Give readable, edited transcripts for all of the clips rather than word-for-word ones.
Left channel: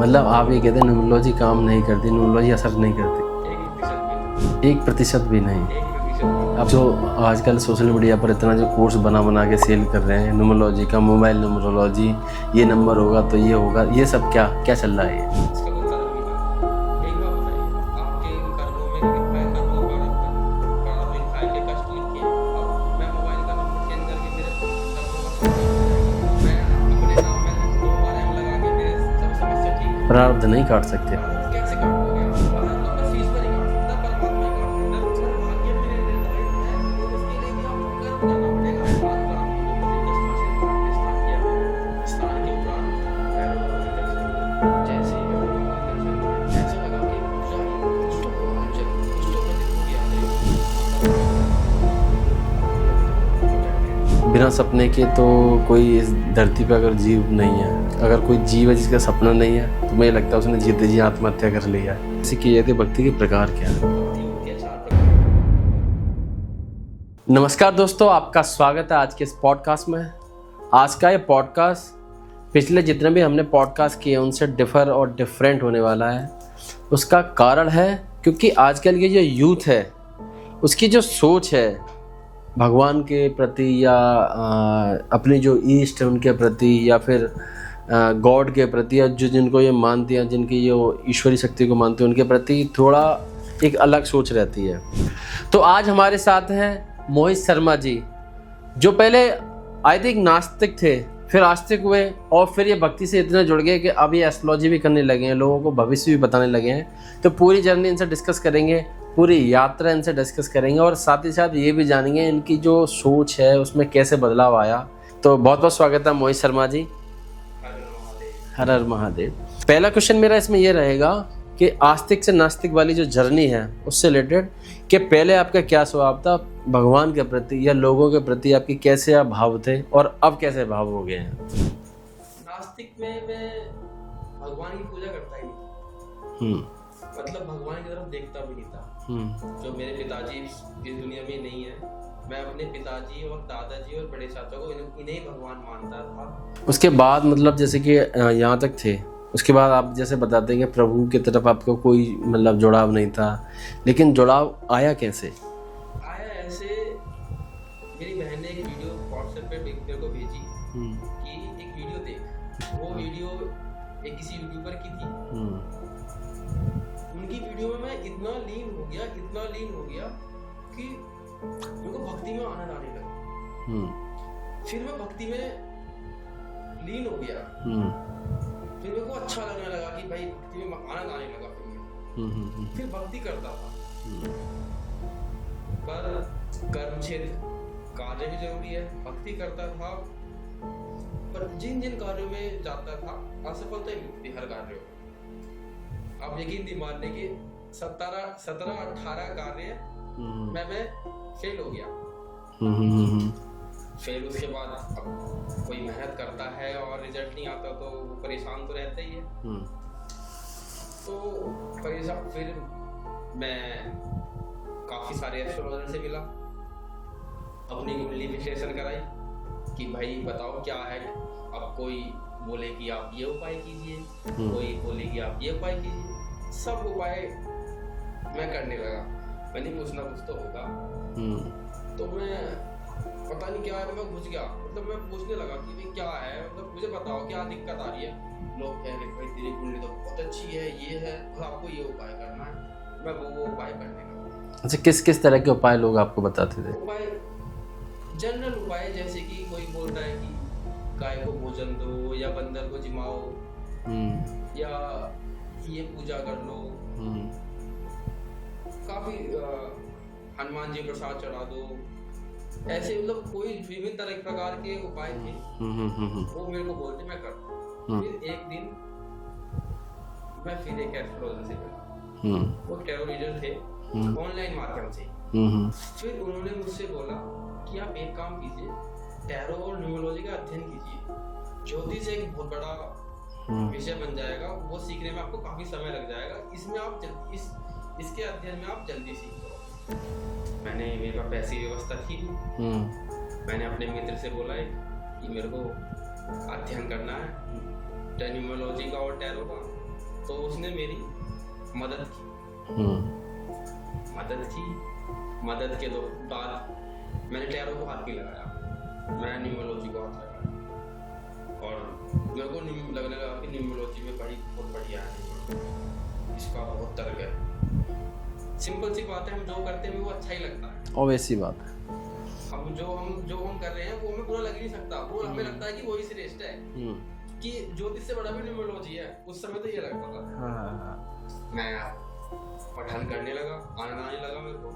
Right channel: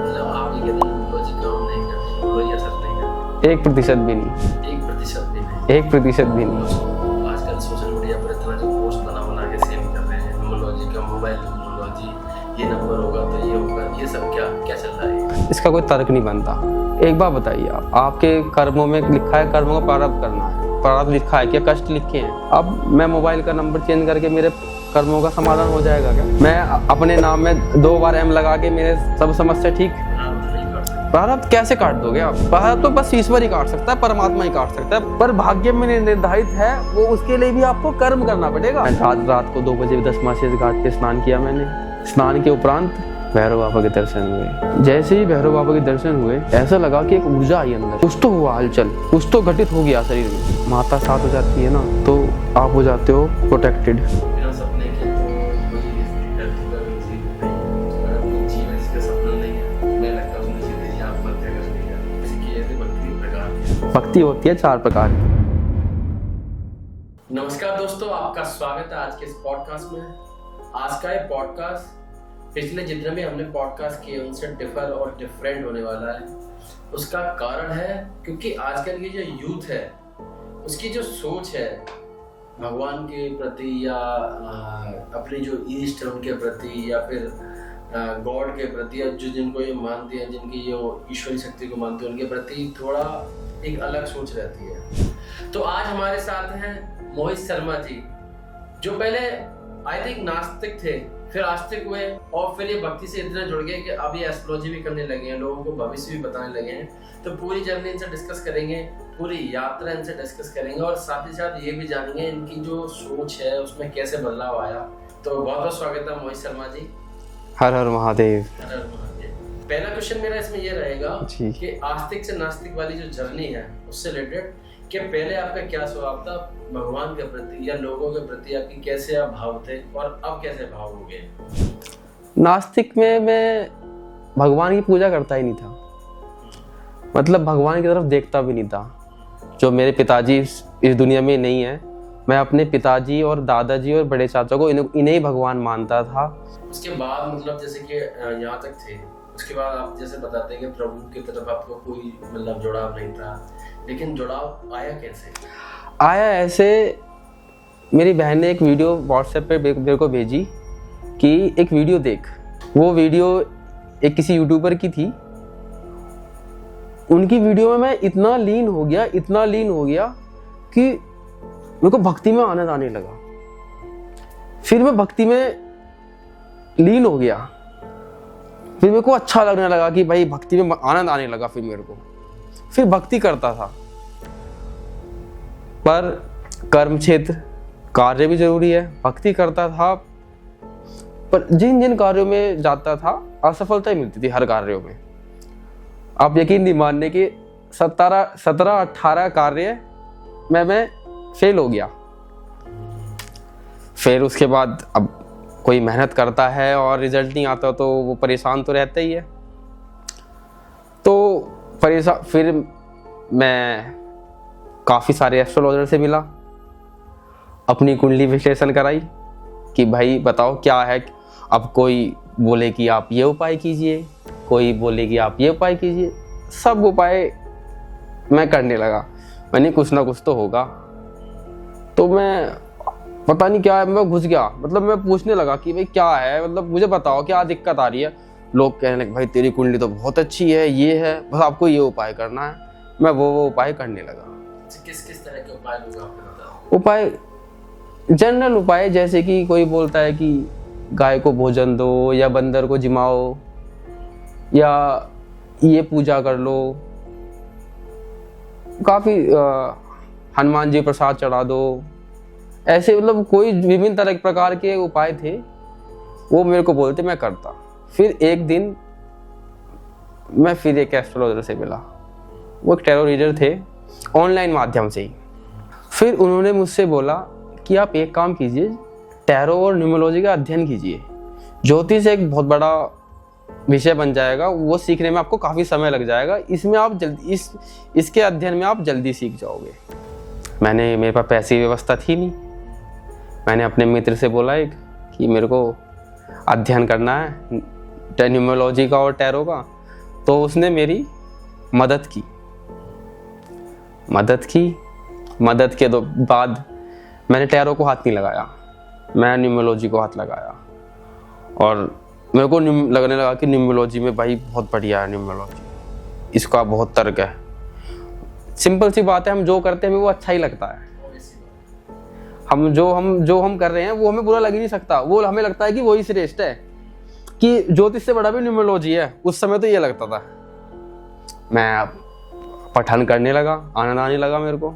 मतलब आप ये कहते हैं न्यूमरोलॉजी काम नहीं करती, न्यूमरोलॉजी असर नहीं करती? 1% भी नहीं। 1% भी नहीं? 1% भी नहीं। अब जो आजकल सोशल मीडिया पर इतना जो कोर्स बना के सेल कर रहे हैं न्यूमरोलॉजी का, मोबाइल न्यूमरोलॉजी, ये नंबर होगा तो ये होगा, ये सब क्या चल रहा है? इसका कोई तर्क नहीं बनता। एक बात बताइए, आप आपके कर्मों में लिखा है कर्मों का प्रारब्ध करना है, प्रारब्ध लिखा है, क्या कष्ट लिखे हैं। अब मैं मोबाइल का नंबर चेंज करके मेरे कर्मों का समाधान हो जाएगा क्या? मैं अपने नाम में 2 बार M लगा के मेरे सब समस्या ठीक? प्रारब्ध नहीं काट सकते। प्रारब्ध कैसे काट दोगे आप? प्रारब्ध तो बस ईश्वर ही काट सकता है, परमात्मा ही काट सकता है, पर भाग्य में निर्धारित है वो, उसके लिए भी आपको कर्म करना पड़ेगा। रात को 2 बजे 10 मासिस घाट पे स्नान किया मैंने। स्नान के उपरांत भैरव बाबा के दर्शन हुए। जैसे ही भैरव बाबा के दर्शन हुए, ऐसा लगा कि एक ऊर्जा आई अंदर, कुछ तो हुआ हलचल, कुछ तो घटित हो गया शरीर में। माता साथ हो जाती है ना, तो आप हो जाते हो प्रोटेक्टेड। बिना सपने के तो कोई इस धरती पर अगर जीव नहीं है, अगर कोई जीव है जिसका सपना नहीं है, तो मुझे लगता है उसने जीते जी आत्महत्या कर लिया। इसी की जाती भक्ति के प्रकार क्या है? भक्ति होती है 4 प्रकार की। नमस्कार दोस्तों, आपका स्वागत है आज के इस पॉडकास्ट में। आज का ये पॉडकास्ट पिछले जितने भी हमने पॉडकास्ट किए उनसे डिफर और डिफरेंट होने वाला है। उसका कारण है क्योंकि आजकल के जो यूथ है उसकी जो सोच है भगवान के प्रति या अपने जो ईस्ट है उनके प्रति या फिर गॉड के प्रति या जो जिनको ये मानते हैं, जिनकी ये ईश्वरी शक्ति को मानते हैं, उनके प्रति थोड़ा एक अलग सोच रहती है। तो आज हमारे साथ हैं मोहित शर्मा जी, जो पहले आई थिंक नास्तिक थे, फिर आस्तिक हुए और फिर ये भक्ति से इतने जुड़ गए कि अब ये एस्ट्रोलॉजी भी करने लगे हैं, लोगों को भविष्य भी बताने लगे हैं। तो पूरी जर्नी इनसे डिस्कस करेंगे, पूरी यात्रा इनसे डिस्कस करेंगे और साथ ही साथ ये भी जानेंगे इनकी जो सोच है उसमें कैसे बदलाव आया। तो बहुत बहुत स्वागत है मोहित शर्मा जी। हर हर महादेव। हर हर महादेव। पहला क्वेश्चन मेरा इसमें यह रहेगा कि आस्तिक से नास्तिक वाली जो जर्नी है उससे रिलेटेड कि पहले आपका क्या स्वभाव था भगवान के प्रति या लोगों के प्रति, आपकी कैसे आप भाव थे और अब कैसे भाव हो गए हैं? नास्तिक में मैं भगवान की पूजा करता ही नहीं था। मतलब भगवान की तरफ देखता भी नहीं था। जो मेरे पिताजी इस दुनिया में नहीं है, मैं अपने पिताजी और दादाजी और बड़े चाचा को इन्हें ही भगवान मानता था। उसके बाद मतलब जैसे कि यहाँ तक थे, उसके बाद आप जैसे बताते हैं कि प्रभु की तरफ आपको कोई मतलब जुड़ाव नहीं था, लेकिन जुड़ाव आया कैसे? आया ऐसे, मेरी बहन ने एक वीडियो व्हाट्सएप पे मेरे को भेजी कि एक वीडियो देख। वो वीडियो एक किसी यूट्यूबर की थी। उनकी वीडियो में मैं इतना लीन हो गया कि मेरे को भक्ति में आनंद आने लगा। फिर मैं भक्ति में लीन हो गया। फिर मेरे को अच्छा लगने लगा कि भाई भक्ति में आनंद आने लगा। फिर मेरे को फिर भक्ति करता था, पर कर्म क्षेत्र कार्य भी जरूरी है। भक्ति करता था, पर जिन जिन कार्यों में जाता था असफलता ही मिलती थी हर कार्यों में। आप यकीन नहीं मानने कि 17-18 कार्य मैं फेल हो गया। फिर उसके बाद अब कोई मेहनत करता है और रिजल्ट नहीं आता तो वो परेशान तो रहता ही है। तो फिर मैं काफ़ी सारे एस्ट्रोलॉजर से मिला, अपनी कुंडली विश्लेषण कराई कि भाई बताओ क्या है। अब कोई बोले कि आप ये उपाय कीजिए, कोई बोले कि आप ये उपाय कीजिए। सब उपाय मैं करने लगा। मैंने कुछ ना कुछ तो होगा। तो मैं पता नहीं क्या है, मैं घुस गया। मतलब मैं पूछने लगा कि भाई क्या है, मतलब मुझे बताओ क्या दिक्कत आ रही है। लोग कहने लगे भाई तेरी कुंडली तो बहुत अच्छी है, ये है, बस आपको ये उपाय करना है। मैं वो उपाय करने लगा। अच्छा, किस किस तरह के उपाय लोग आपको बताते थे? उपाय जनरल उपाय, जैसे कि कोई बोलता है कि गाय को भोजन दो या बंदर को जिमाओ या ये पूजा कर लो, काफी हनुमान जी प्रसाद चढ़ा दो, ऐसे मतलब कोई विभिन्न तरह के प्रकार के उपाय थे। वो मेरे को बोलते, मैं करता। फिर एक दिन मैं फिर एक एस्ट्रोलॉजर से मिला। वो एक टैरो रीडर थे, ऑनलाइन माध्यम से ही। फिर उन्होंने मुझसे बोला कि आप एक काम कीजिए, टैरो और न्यूमरोलॉजी का अध्ययन कीजिए। ज्योतिष एक बहुत बड़ा विषय बन जाएगा, वो सीखने में आपको काफी समय लग जाएगा। इसमें आप जल्दी इसके अध्ययन में आप जल्दी सीख जाओगे। मेरे पास पैसे की व्यवस्था थी नहीं। मैंने अपने मित्र से बोला एक कि मेरे को अध्ययन करना है न्यूमरोलॉजी का और टैरो का। तो उसने मेरी मदद की। मदद के बाद मैंने टैरो को हाथ नहीं लगाया, मैं न्यूमरोलॉजी को हाथ लगाया। और मेरे को लगने लगा कि न्यूमरोलॉजी में भाई बहुत बढ़िया है न्यूमरोलॉजी, इसका बहुत तर्क है। सिंपल सी बात है, हम जो करते हैं हमें वो अच्छा ही लगता है। ऑब्वियस सी बात है। हम जो हम कर रहे हैं वो हमें बुरा लग ही नहीं सकता, वो हमें लगता है कि वही श्रेष्ठ है, कि ज्योतिष से बड़ा भी न्यूमरोलॉजी है। उस समय तो ये लगता था। मैं पठन करने लगा, आनंद आने लगा मेरे को।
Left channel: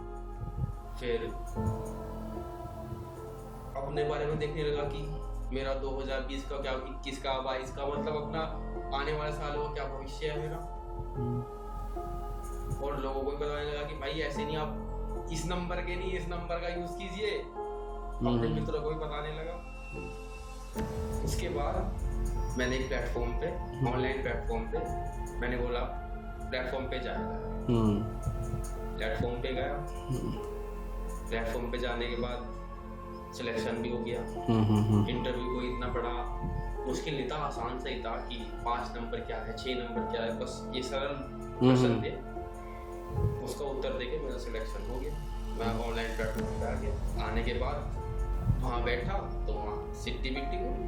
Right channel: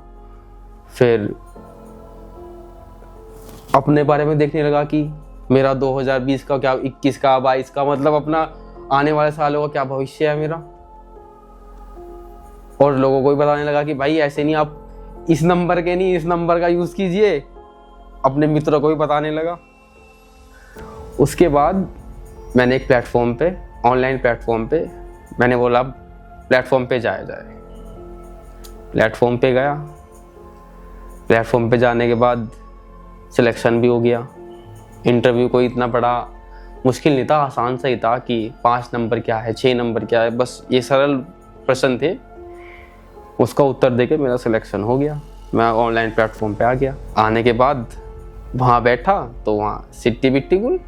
फिर अपने बारे में देखने लगा कि मेरा 2020 का क्या, 21 का, 22 का, मतलब अपना आने वाले सालों का क्या भविष्य है मेरा। और लोगों को भी बताने लगा कि भाई ऐसे नहीं, आप इस नंबर के नहीं, इस नंबर का यूज कीजिए। अपने मित्रों को भी बताने लगा। उसके बाद मैंने एक प्लेटफॉर्म पे, ऑनलाइन प्लेटफॉर्म पे, मैंने बोला प्लेटफॉर्म पे जाया जाए। प्लेटफॉर्म पे गया। प्लेटफॉर्म पे जाने के बाद सिलेक्शन भी हो गया। इंटरव्यू कोई इतना बड़ा मुश्किल नहीं था, आसान सा ही था कि 5 नंबर क्या है, 6 नंबर क्या है, बस ये सरल प्रश्न थे। उसका उत्तर देके मेरा सिलेक्शन हो गया। मैं ऑनलाइन प्लेटफॉर्म पे आ गया। आने के बाद वहाँ बैठा तो वहाँ सिट्टी बिट्टी गुल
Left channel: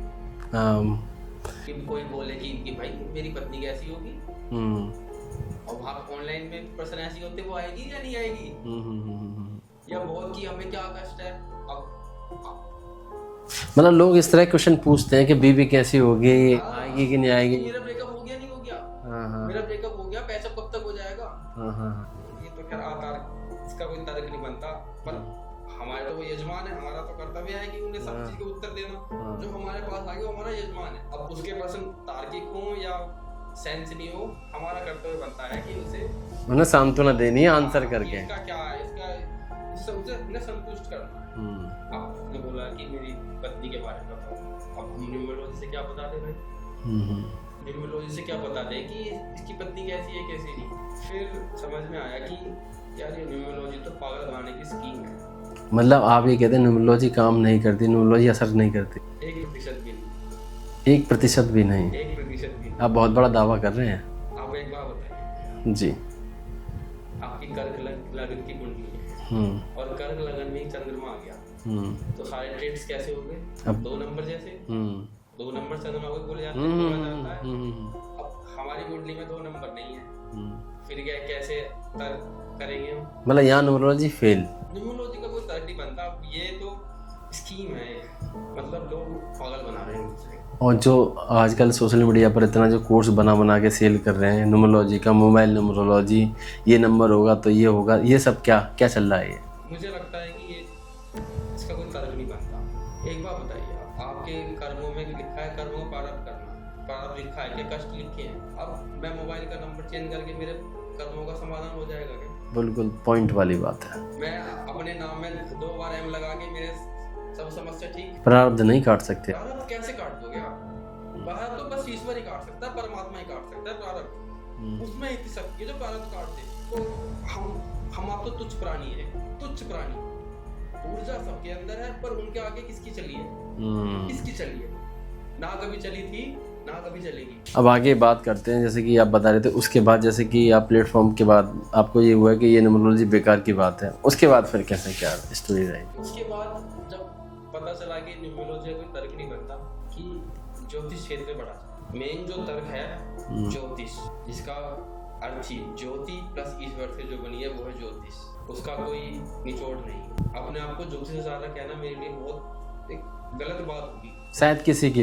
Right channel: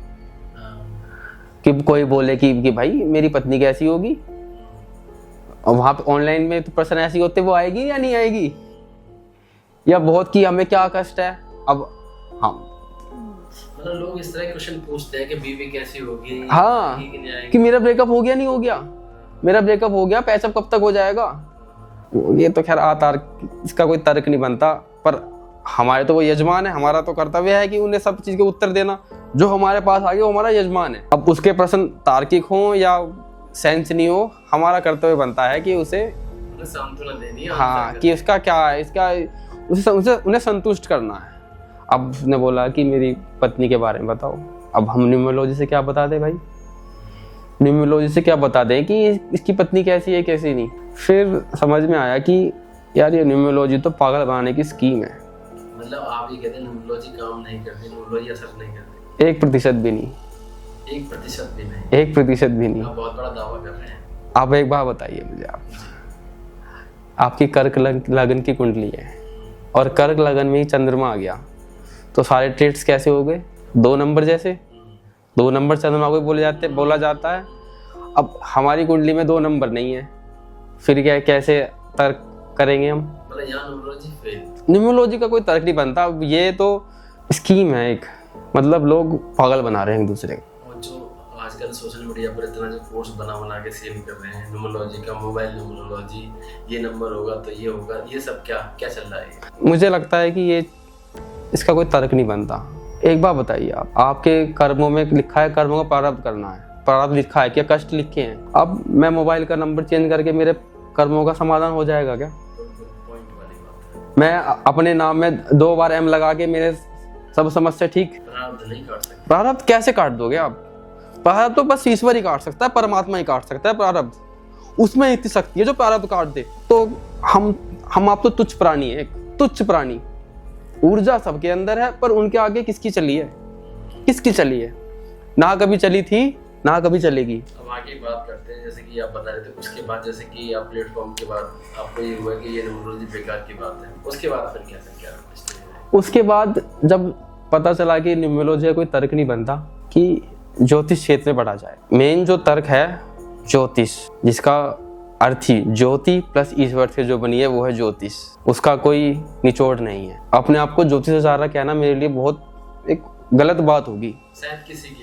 कि कोई बोले कि भाई मेरी पत्नी कैसी होगी। और वहाँ पे ऑनलाइन में तो प्रश्न ऐसी होते, वो आएगी या नहीं आएगी, या बहुत कि हमें क्या कष्ट है। अब हाँ, मतलब लोग इस तरह क्वेश्चन पूछते हैं कि बीवी कैसी होगी, हाँ, आएगी कि नहीं आएगी, कि मेरा ब्रेकअप हो गया नहीं हो गया, मेरा ब्रेकअप हो गया, पैचअप कब तक हो जाएगा। ये तो खैर इसका कोई तर्क नहीं बनता, पर हमारे तो वो यजमान है, हमारा तो कर्तव्य है कि उन्हें सब चीज के उत्तर देना। जो हमारे पास आ गया वो हमारा यजमान है। अब उसके प्रश्न तार्किक हो या सेंस नहीं हो, हमारा कर्तव्य बनता है कि उसे उन्हें सांत्वना देनी है, आंसर करके, कि इसका क्या है, इसका उसे उन्हें संतुष्ट करना है। अब उसने बोला कि मेरी पत्नी के बारे में बताओ। अब हम न्यूमरोलॉजी से क्या बता दें भाई, न्यूमरोलॉजी से क्या बता दें कि इसकी पत्नी कैसी है कैसी नहीं। फिर समझ में आया कि यार ये न्यूमरोलॉजी तो पागल बनाने की स्कीम है। मतलब आप ये कहते हैं न्यूमरोलॉजी काम नहीं करती, न्यूमरोलॉजी असर नहीं करती? 1% भी नहीं। 1% भी नहीं? 1% भी नहीं। आप बहुत बड़ा दावा कर रहे हैं। आप एक बात बताइए मुझे आप जी। आपकी कर्क लगन की कुंडली है और कर्क लगन में ही चंद्रमा आ गया, तो सारे ट्रेड्स कैसे हो गए? 2 नंबर जैसे 2 नंबर चंद्रमा को बोला जाता है। अब हमारी कुंडली में 2 नंबर नहीं है, फिर क्या कैसे तर्क करेंगे हम? मतलब यहाँ न्यूमरोलॉजी फेल? न्यूमरोलॉजी का कोई तर्क नहीं बनता। ये तो स्कीम है एक, मतलब लोग पागल बना रहे हैं एक दूसरे को। और जो आजकल सोशल मीडिया पर इतना जो कोर्स बना के सेल कर रहे हैं न्यूमरोलॉजी का, मोबाइल न्यूमरोलॉजी, ये नंबर होगा तो ये होगा, ये सब क्या चल रहा है? मुझे लगता है कि ये इसका कोई तर्क नहीं बनता। एक बात बताइए, आपके कर्मों में लिखा है कर्मों का प्रारब्ध करना है, प्रारब्ध लिखा है, क्या कष्ट लिखे हैं? अब मैं मोबाइल का नंबर चेंज करके मेरे कर्मों का समाधान हो जाएगा क्या? बिल्कुल पॉइंट वाली बात है। मैं अपने नाम में 2 बार M लगा के मेरे सब समस्या ठीक? प्रारब्ध नहीं काट सकते। प्रारब्ध कैसे काट दोगे आप? प्रारब्ध तो बस ईश्वर ही काट सकता है, परमात्मा ही काट सकता है प्रारब्ध। उसमें इतनी शक्ति है जो प्रारब्ध काट दे। तो हम आप तो तुच्छ प्राणी है, एक तुच्छ प्राणी। ऊर्जा सबके अंदर है, पर उनके आगे किसकी चली है? किसकी चली है? ना कभी चली थी, ना कभी चलेगी। अब आगे बात करते हैं, जैसे कि आप बता रहे थे, उसके बाद जैसे कि आप प्लेटफॉर्म के बाद आपको ये हुआ कि ये न्यूमरोलॉजी बेकार की बात है, उसके बाद फिर कैसे क्या स्टोरी रही? उसके बाद जब पता चला कि न्यूमरोलॉजी का कोई तर्क नहीं बनता कि ज्योतिष क्षेत्र में बढ़ा जाए। मेन जो तर्क है ज्योतिष, जिसका अर्थ ही ज्योति प्लस ईश्वर से जो बनी है वो है ज्योतिष। उसका कोई निचोड़ नहीं है। अपने आप को ज्योतिषाचार्य कहना मेरे लिए बहुत एक गलत बात होगी, शायद किसी के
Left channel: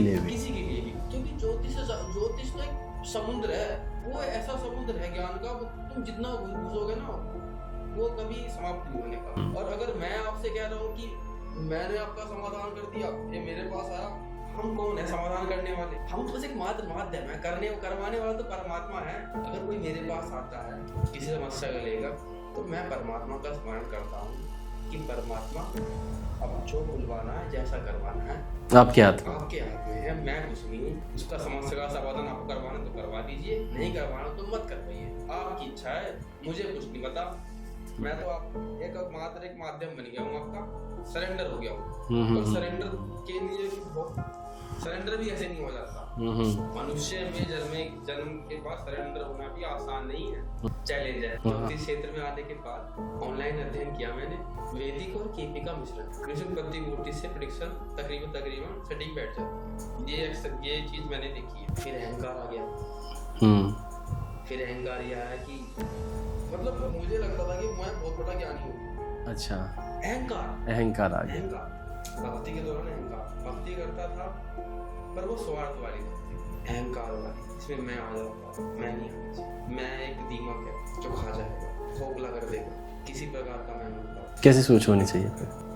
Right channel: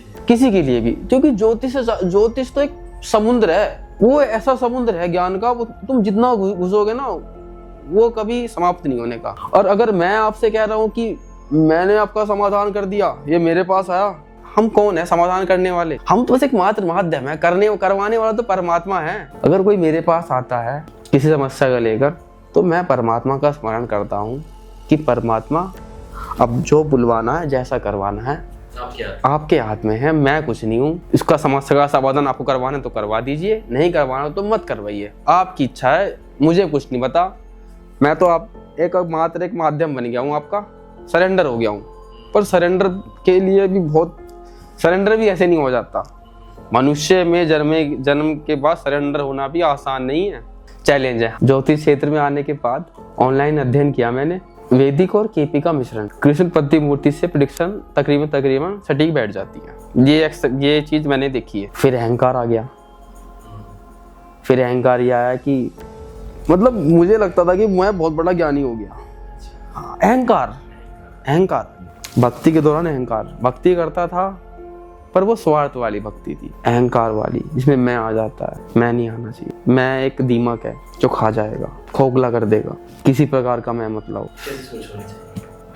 लिए भी, क्योंकि ज्योतिष तो एक समुद्र है। वो ऐसा समुद्र है ज्ञान का, वो तुम जितना घुसोगे ना वो कभी समाप्त नहीं होने का। और अगर मैं आपसे कह रहा हूँ कि मैंने आपका समाधान कर दिया, ये मेरे पास आया, हम कौन है समाधान करने वाले? हम तो बस एक मात्र माध्यम है, करवाने वाला तो परमात्मा है। अगर कोई मेरे पास आता है किसी समस्या को लेकर, तो मैं परमात्मा का स्मरण करता हूँ कि परमात्मा अब जो बुलवाना है, जैसा करवाना है, आपके हाथ में है। मैं कुछ नहीं हूँ। इसका समस्या का समाधान आपको करवाना तो करवा दीजिए, नहीं करवाना तो मत करवाइए, आपकी इच्छा है, मुझे कुछ नहीं पता। मैं तो मात्र एक माध्यम बन गया हूँ, आपका सरेंडर हो गया हूँ। पर सरेंडर के लिए भी बहुत सरेंडर भी ऐसे नहीं हो जाता। मनुष्य में जन्म के बाद सरेंडर होना भी आसान नहीं है, चैलेंज है। ज्योतिष क्षेत्र में आने के बाद ऑनलाइन अध्ययन किया मैंने, वैदिक और केपी का मिश्रण, कृष्ण प्रतिमूर्ति से प्रेडिक्शन तकरीबन सटीक बैठ जाती है। ये चीज मैंने देखी है। फिर अहंकार आ गया। फिर अहंकार ये आया कि मतलब मुझे लगता था कि मैं बहुत बड़ा ज्ञानी हो गया। अच्छा। अहंकार भक्ति के दौरान अहंकार, भक्ति करता था पर वो स्वार्थ वाली भक्ति थी, अहंकार वाली, जिसमें मैं आ जाता है। मैं नहीं आना चाहिए। मैं एक दीमक है जो खा जाएगा, खोखला कर देगा, किसी प्रकार का मैं मतलब। कैसी सोच होनी चाहिए?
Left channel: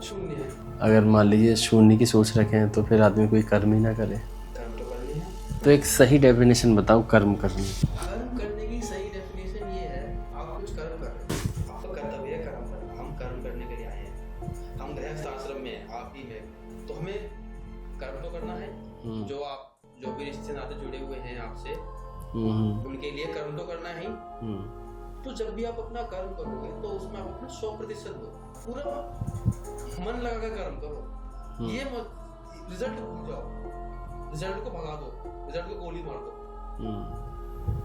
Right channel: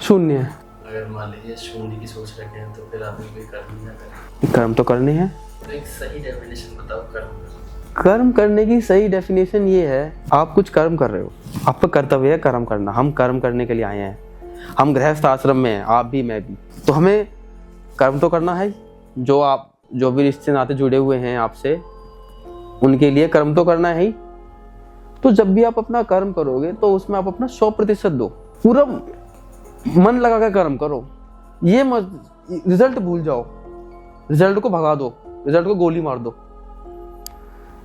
शून्य। अगर मान लीजिए शून्य की सोच रखें तो फिर आदमी कोई कर्म ही ना करे। कर्म तो करने हैं। तो एक सही डेफिनेशन बताओ कर्म करने। कर्म करने की सही डेफिनेशन ये है, आप कुछ कर्म कर रहे हो, आपका कर्तव्य है कर्म करना। हम कर्म करने के लिए आए हैं, हम गृहस्थ आश्रम में हैं, आप भी मैं भी, तो हमें कर्म तो करना है। जो भी रिश्ते नाते जुड़े हुए हैं आपसे, उनके लिए कर्म तो करना है ही। तो जब भी आप अपना कर्म करोगे तो उसमें आप अपना 100% दो, पूरा मन लगा कर कर्म करो। ये मत रिजल्ट भूल जाओ, रिजल्ट को भगा दो, रिजल्ट को गोली मार दो,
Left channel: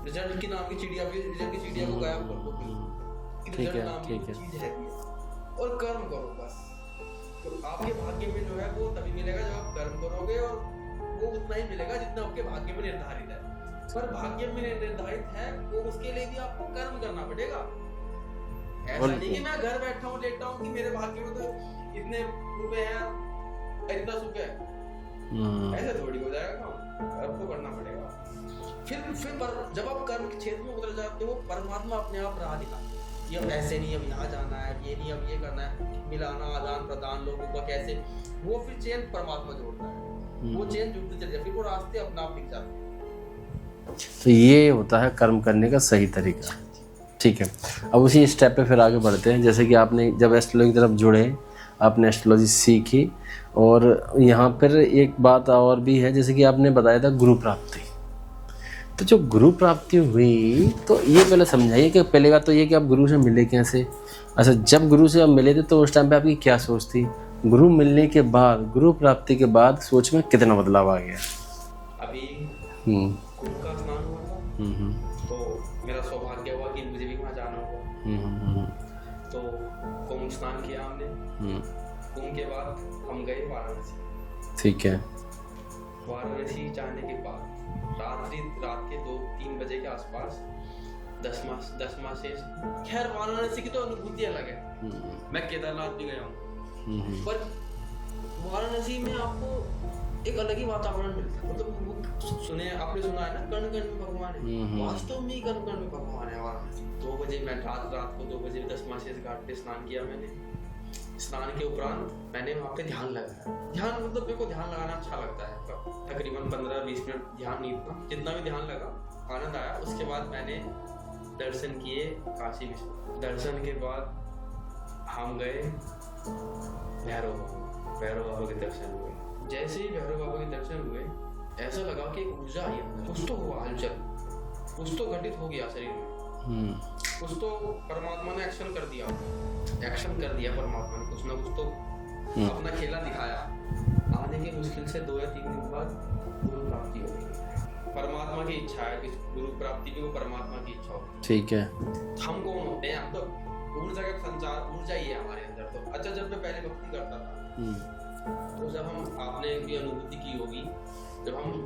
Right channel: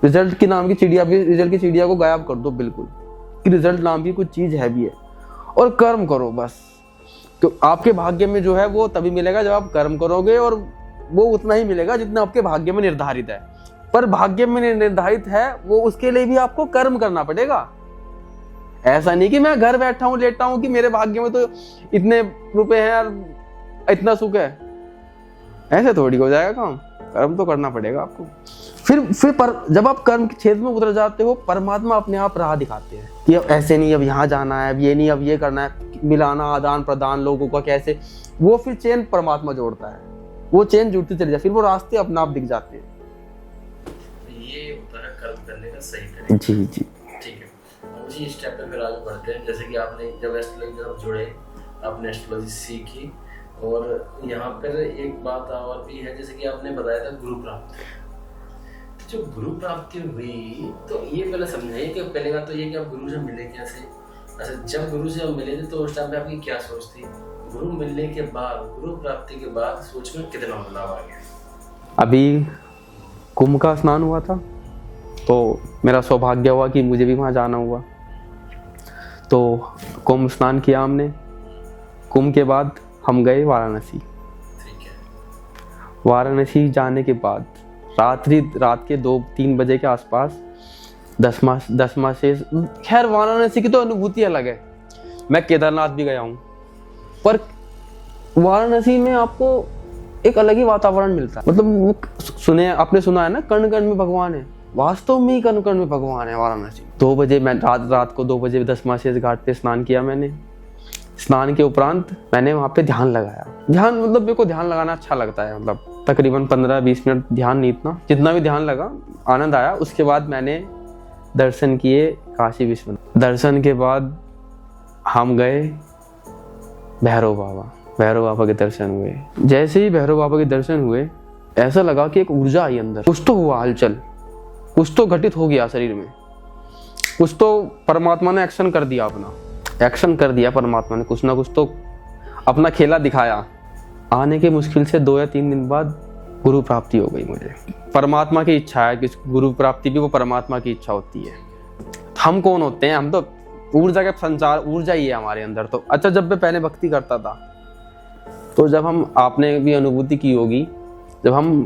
रिजल्ट की नाम की चिड़िया भी, रिजल्ट की चिड़िया को गायब कर दो बिल्कुल, कि रिजल्ट नाम की कुछ चीज है भी है। और कर्म करो बस। तो आपके भाग्य में जो है वो तभी मिलेगा जब आप कर्म करोगे, और वो उतना ही मिलेगा जितना आपके भाग्य में निर्धारित है। पर भाग्य में निर्धारित है वो, उसके लिए भी आपको कर्म करना पड़ेगा। ऐसा नहीं कि मैं घर बैठा हूँ लेटा हूँ कि मेरे भाग्य में तो इतने रुपए हैं और इतना सुख है, ऐसे थोड़ी हो जाएगा काम। कर्म तो करना पड़ेगा आपको। फिर जब आप कर्म के क्षेत्र में उतर जाते हो, परमात्मा अपने आप राह दिखाते हैं कि अब ऐसे नहीं, अब यहाँ जाना है, अब ये नहीं, अब ये करना है, मिलाना, आदान प्रदान लोगों का कैसे, वो फिर चेन परमात्मा जोड़ता है, वो चेन जुड़ती चली जाती, फिर वो रास्ते अपने आप दिख जाते हैं। तो ये होता है कर्म करने का सही तरीका। जी। ठीक है, अब उसी स्टेप पे फिर आगे बढ़ते हैं। जैसे कि आपने जब एस्ट्रोलॉजी की तरफ जुड़े, आपने एस्ट्रोलॉजी सीखी, और यहाँ पर एक बात और भी है, जैसे कि आपने बताया था गुरु प्राप्ति। तो जो गुरु प्राप्ति हुई, तो ये पहले समझाइए कि पहले बात तो ये कि आप गुरु से मिले कैसे। अच्छा, जब गुरु से आप मिले थे तो उस टाइम पे आपकी क्या सोच थी? गुरु मिलने के बाद, गुरु प्राप्ति के बाद सोच में कितना बदलाव आ गया? अभी कुंभ का स्नान हुआ था, तो मेरा सौभाग्य हुआ कि मुझे भी वहाँ जाना हुआ। तो कुंभ स्नान किया हमने। कुंभ के बाद हम गए वाराणसी। ठीक है। वाराणसी जाने के बाद रात के 2-3 बजे के आसपास दसमा से, खैर वाराणसी की तो अनुभूति अलग है। मैं केदारनाथ भी गया हूँ, पर वाराणसी में आपको एक अलग ही वातावरण मिलता है। मतलब आपने सुना है ना, कण कण में भगवान है। वास्तव में ही कण कण में भगवान है वाराणसी। 2 बजे मैं रात को 2 बजे दसमा शेष घाट पे स्नान किया मैंने। स्नान के उपरांत मैंने वहाँ पे ध्यान लगाया। ध्यान मतलब मेरे को ध्यान लगाना अच्छा लगता है। मतलब तकरीबन 15-20 मिनट ध्यान, नहीं इतना, जितना भी ध्यान लगा आनंद आया। उसके बाद मैंने दर्शन किए काशी विश्वनाथ। दर्शन के बाद हम गए भैरव बाबा के दर्शन हुए। जैसे ही भैरव बाबा के दर्शन हुए, ऐसा लगा कि एक ऊर्जा आई अंदर। कुछ तो हुआ हलचल, कुछ तो घटित हो गया शरीर में, कुछ तो परमात्मा ने एक्शन कर दिया, परमात्मा ने कुछ ना कुछ तो अपना खेला दिखाया। आने के मुश्किल से 2 या 3 दिन बाद गुरु प्राप्ति हो गई मुझे। परमात्मा की इच्छा है कि गुरु प्राप्ति भी वो परमात्मा की इच्छा होती है। ठीक है। हम कौन होते हैं? हम तो ऊर्जा का संचार, ऊर्जा ही है हमारे अंदर। तो अच्छा, जब मैं पहले भक्ति करता था, तो जब हम, आपने भी अनुभूति की होगी, जब हम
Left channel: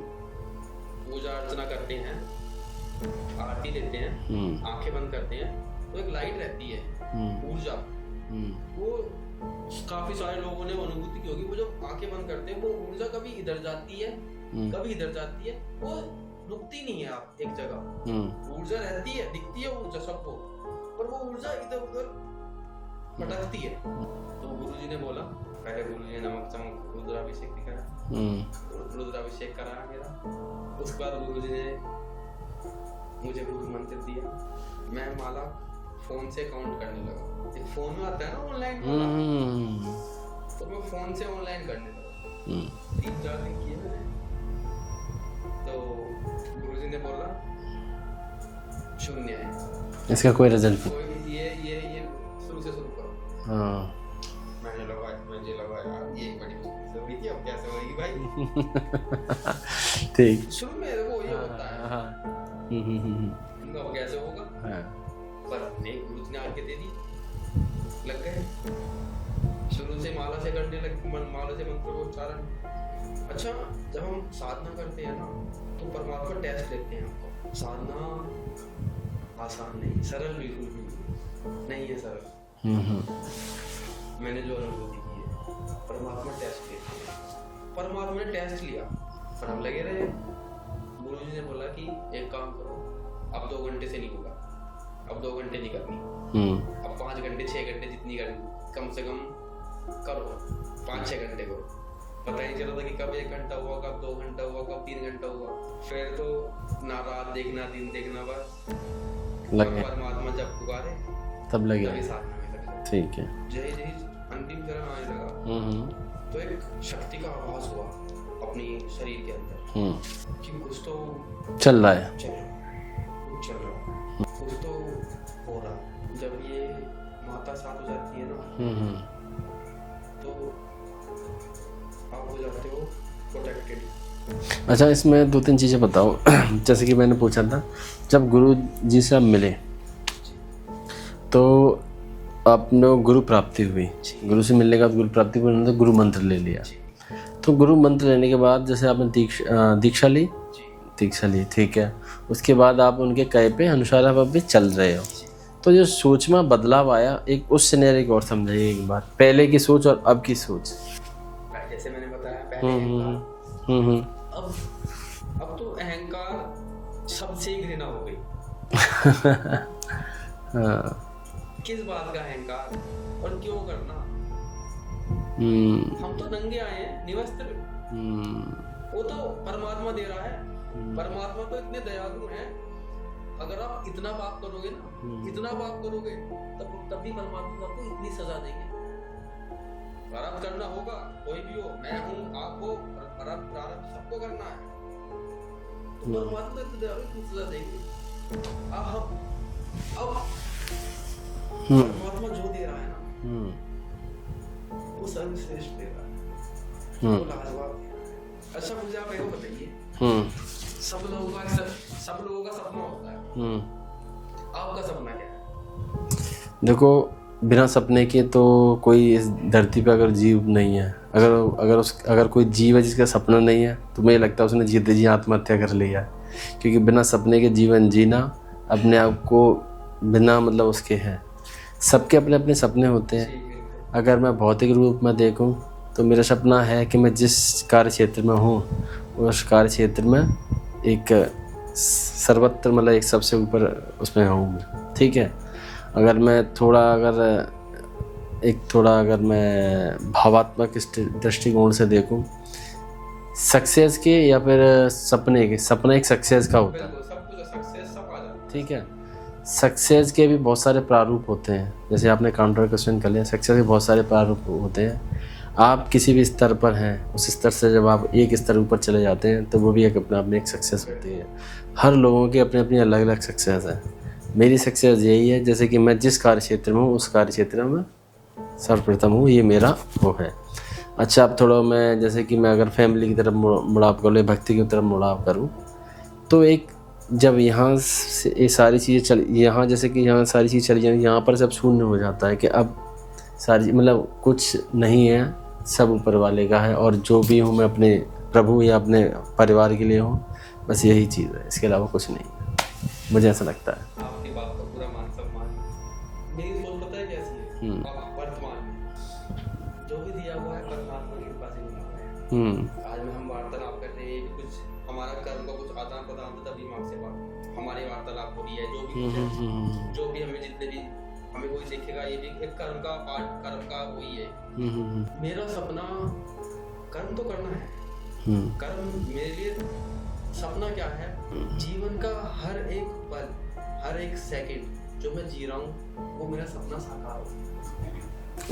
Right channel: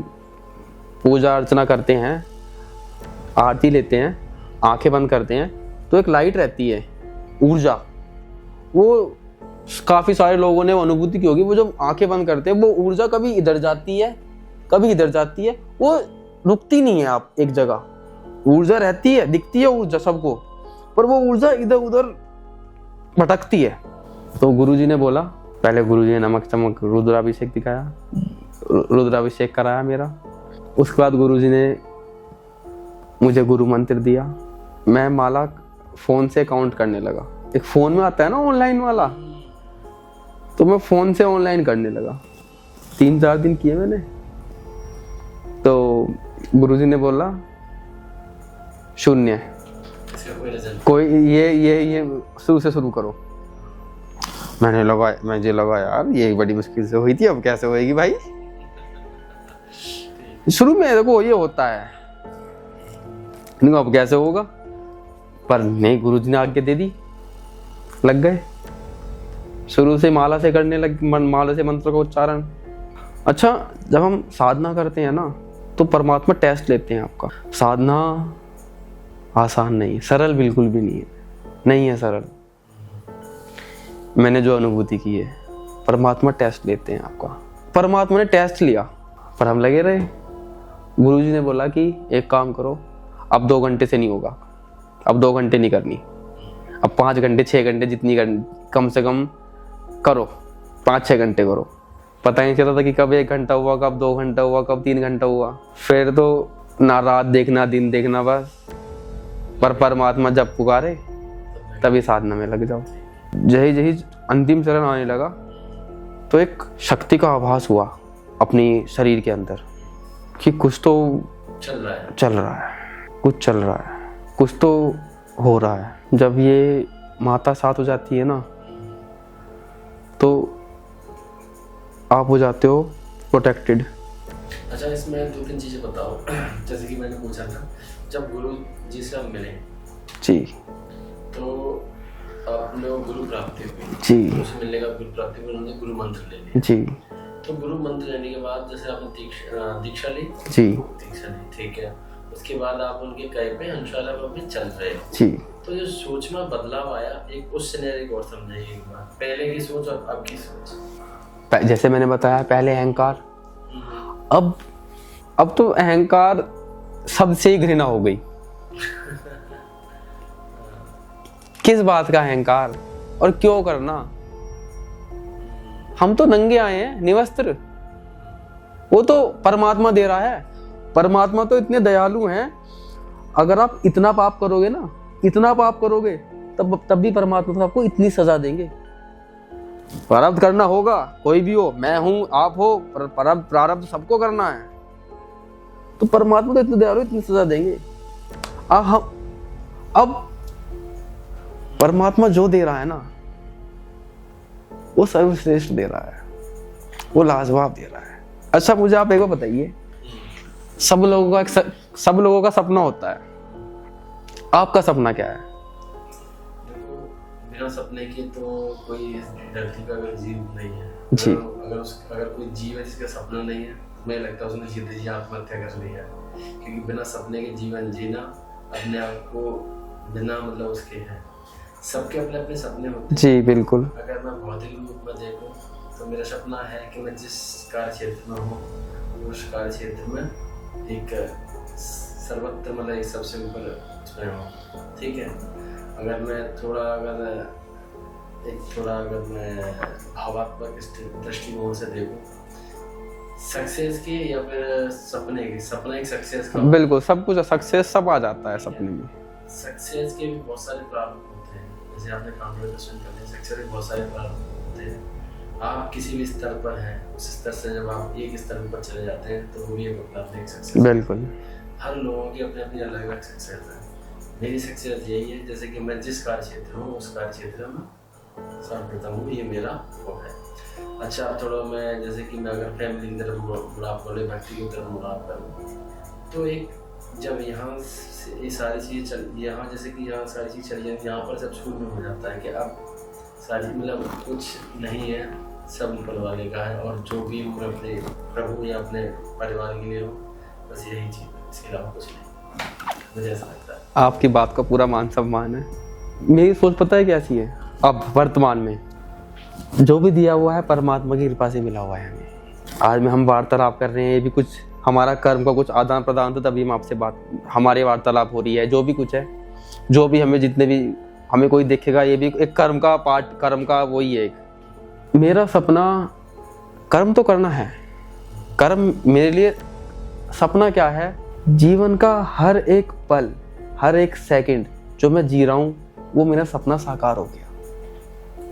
पूजा अर्चना करते हैं, आरती लेते हैं, आंखें बंद करते हैं, तो एक लाइट रहती है, ऊर्जा। वो काफी सारे लोगों ने अनुभूति की होगी। वो जब आंखें बंद करते हैं, वो ऊर्जा कभी इधर जाती है, कभी इधर जाती है, वो रुकती नहीं है। आप एक जगह, ऊर्जा रहती है, दिखती है ऊर्जा सबको, पर वो ऊर्जा इधर उधर भटकती है। तो गुरुजी ने बोला, पहले गुरुजी ने नमक चमक रुद्राभिषेक दिखाया, रुद्राभिषेक कराया मेरा। उसके बाद गुरुजी ने मुझे गुरु मंत्र दिया। मैं माला फोन से काउंट करने लगा। एक फोन में आता है ना ऑनलाइन वाला, तो मैं फोन से ऑनलाइन करने लगा। 3-4 दिन किए मैंने। तो गुरुजी ने बोला शून्य, इसका कोई रिजल्ट, कोई ये शुरू से शुरू करो। मुझे लगा यार ये बड़ी मुश्किल से हुई थी, अब कैसे होएगी भाई। ठीक। शुरू में देखो ये होता है, नहीं अब कैसे होगा, पर नहीं गुरुजी ने आज्ञा दे दी, लग गए। शुरू से माला से करने लग, माला से मंत्र का उच्चारण। अच्छा, जब हम साधना करते हैं ना तो परमात्मा टेस्ट लेते हैं आपका। साधना आसान नहीं है, सरल बिल्कुल भी नहीं है सरल। मैंने जो अनुभूति की है, परमात्मा टेस्ट लेते हैं आपका। परमात्मा ने टेस्ट लिया पर हम लगे रहे। गुरुजी ने बोला कि एक काम करो, अब 2 घंटे से नहीं होगा, अब 2 घंटे नहीं करनी, अब 5 घंटे 6 घंटे जितनी कम से कम करो, 5-6 घंटे करो। पता ही नहीं चलता था कि कब 1 घंटा हुआ, कब 2 घंटा हुआ, कब 3 घंटा हुआ। फिर तो ना रात देखना दिन देखना, बस पर परमात्मा जब पुकारे तभी साधना में लग जाओ। ठीक है। जही अंतिम चरण आने लगा तो एक शक्ति का आभास हुआ अपनी शरीर के अंदर कि कुछ तो चल रहा है, कुछ चल रहा है, कुछ तो हो रहा है। जब ये माता साथ हो जाती है ना तो आप हो जाते हो प्रोटेक्टेड। अच्छा, इसमें 2-3 चीज़ें बताओ। जैसे कि मैंने पूछा था, जब गुरु जी से आप मिले जी तो आपने गुरु प्राप्ति हुई जी, गुरु से मिलने के बाद गुरु प्राप्ति हुई, उन्होंने गुरु मंत्र ले लिया जी। तो गुरु मंत्र लेने के बाद जैसे आपने दीक्षा ली जी, दीक्षा ली, ठीक है। उसके बाद आप उनके कहे पे अनुसार आप अभी चल रहे हो जी। तो जो सोच में बदलाव आया, एक उस सिनेरियो को और समझाइए एक बार, पहले की सोच और अब की सोच। जैसे मैंने बताया पहले अहंकार, अब तो अहंकार सबसे ही घृणा हो गई। किस बात का अहंकार और क्यों करना? हम तो नंगे आए हैं, निवस्त्र। वो तो परमात्मा दे रहा है। परमात्मा तो इतने दयालु हैं, अगर आप इतना पाप करोगे ना, इतना पाप करोगे तब भी परमात्मा तो आपको इतनी सजा देंगे। प्रारब्ध करना होगा, कोई भी हो, मैं हूं आप हो, प्रारब्ध सबको करना है। तो परमात्मा तो इतने दयालु, इतनी सजा देंगे। अब परमात्मा जो दे रहा है ना वो सर्वश्रेष्ठ दे रहा है, वो लाजवाब दे रहा है। अच्छा, मुझे आप एक बार बताइए, सब लोगों का सपना होता है, आपका सपना क्या है? देखो, बिना सपने के तो कोई इस धरती पे अगर जीव नहीं है, अगर कोई जीव है जिसका सपना नहीं है तो मुझे लगता है उसने जीते जी आत्महत्या कर लिया। क्योंकि बिना सपने के जीवन जीना अपने आप को बिना मतलब उसके है। सबके अपने अपने सपने होते हैं जी बिल्कुल। अगर मैं भौतिक रूप में देखूं तो मेरा सपना है कि मैं जिस कार्य क्षेत्र में हूँ उस कार्य क्षेत्र में एक सर्वत्र मतलब एक सबसे ऊपर उसमें हूँ, ठीक है। अगर मैं अगर मैं भावात्मक दृष्टिकोण से देखूं सक्सेस के या फिर सपना एक सक्सेस का, बिल्कुल सब कुछ सक्सेस सब आ जाता है सपने में। सक्सेस के भी बहुत सारे प्रारूप होते हैं, जैसे आपने काउंटर क्वेश्चन कर लिया, सक्सेस के बहुत सारे प्रारूप होते हैं। आप किसी भी स्तर पर हैं, उस स्तर से जब आप एक स्तर ऊपर चले जाते हैं तो वो भी एक अपने आप में एक सक्सेस होती है। हर लोगों की अपनी अपनी अलग अलग सक्सेस है। मेरी सक्सेस यही है जैसे कि मैं जिस कार्य क्षेत्र में हूँ उस कार्य क्षेत्र में सर्वप्रथम हूँ, ये मेरा वो है। अच्छा, अब थोड़ा मैं जैसे कि मैं अगर फैमिली की तरफ मुड़ाव करूँ, भक्ति की तरफ मुड़ाव करूँ तो एक जब यहाँ से ये सारी चीज़ें यहाँ जैसे कि यहाँ सारी चीज़ चली जाएंगी, यहाँ पर सब शून्य हो जाता है कि अब सारी मतलब कुछ नहीं है, सब ऊपर वाले का है और जो भी हूँ मैं अपने प्रभु या अपने परिवार के लिए हूँ, बस यही चीज़ है, इसके अलावा कुछ नहीं, मुझे ऐसा लगता है। आपकी बात का पूरा मान सम्मान है। मेरी सोच पता है कैसी है, अब वर्तमान में जो भी दिया हुआ है परमात्मा की कृपा से मिला हुआ है हमें। आज में हम वार्तालाप कर रहे हैं, ये भी कुछ हमारा कर्म का कुछ आदान प्रदान तो तभी हम आपसे हमारे वार्तालाप हो रही है। जो भी कुछ है, जो भी हमें जितने भी हमें कोई देखेगा, ये भी एक कर्म का पार्ट, कर्म का वही है। मेरा सपना कर्म तो करना है, कर्म मेरे लिए सपना क्या है, जीवन का हर एक पल, हर एक सेकंड जो मैं जी रहा हूँ वो मेरा सपना साकार हो गया।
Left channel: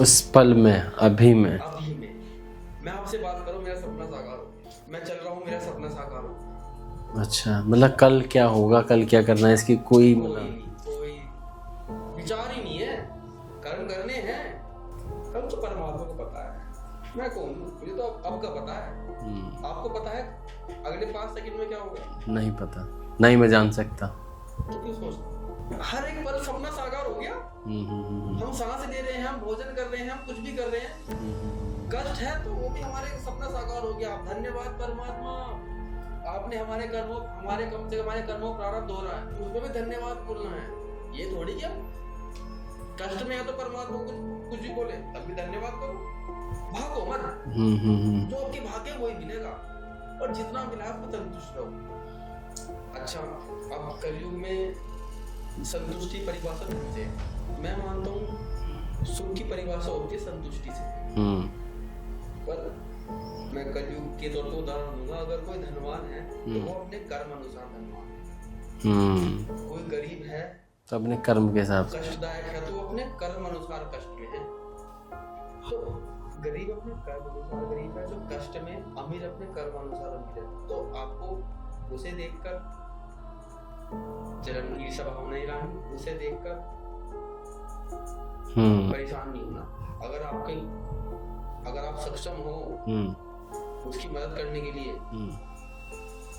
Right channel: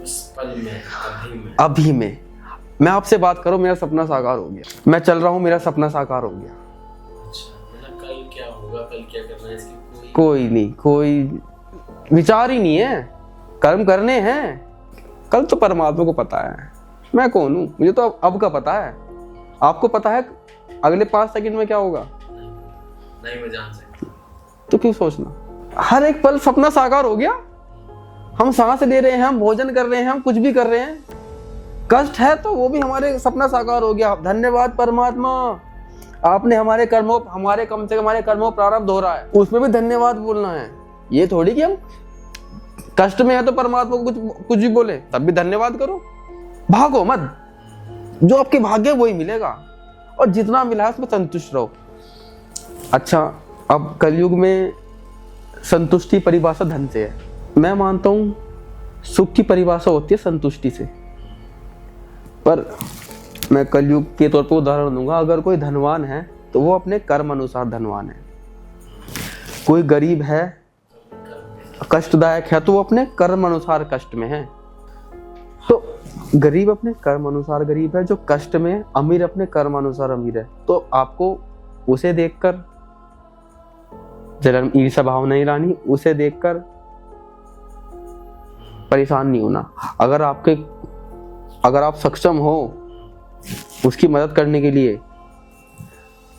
उस पल में, अभी में मैं आपसे बात करूं, मेरा सपना साकार हो गया। मैं चल रहा हूं, मेरा सपना साकार हो गया। अच्छा, मतलब कल क्या होगा, कल क्या करना है, इसकी कोई विचार ही नहीं है। कर्म करने हैं, कल तो परमात्मा को पता है मैं कौन हूँ, मुझे तो अब का पता है। आपको पता है अगले 5 सेकंड में क्या होगा? नहीं पता, नहीं मैं जान सकता। तो क्यों सोचना? हर एक पल सपना साकार हो गया। हम सांस ले रहे हैं, हम भोजन कर रहे हैं, हम कुछ भी कर रहे हैं, कष्ट है तो वो भी हमारे सपना साकार हो गया। धन्यवाद परमात्मा, आपने हमारे कर्मों, हमारे कम से कम हमारे कर्मों प्रारब्ध हो रहा है, उसमें भी धन्यवाद बोलना है। ये थोड़ी कि हम कष्ट में है तो परमात्मा को कुछ भी बोले, तब भी धन्यवाद करो। भागो मत, जो आपके भाग्य वही मिलेगा, और जितना मिला है उसमें संतुष्ट रहो। अच्छा, अब कलयुग में संतुष्टि परिभाषा धन से है। मैं मानता हूँ सुख की परिभाषा होती है संतुष्टि से, पर मैं कलयुग के तौर पर उदाहरण दूंगा। अगर कोई धनवान है तो वो अपने कर्म अनुसार धनवान है, कोई गरीब है तो अपने कर्म के साथ, कष्टदायक है तो वो अपने कर्म अनुसार कष्ट में है। तो गरीब अपने कर्म अनुसार गरीब है, जो कष्ट में, अमीर अपने कर्म अनुसार अमीर है। तो आपको उसे देखकर जलन ईर्ष्या भाव नहीं लानी, उसे देखकर परेशान नहीं होना। अगर आप सक्षम हो उसकी मदद करने के लिए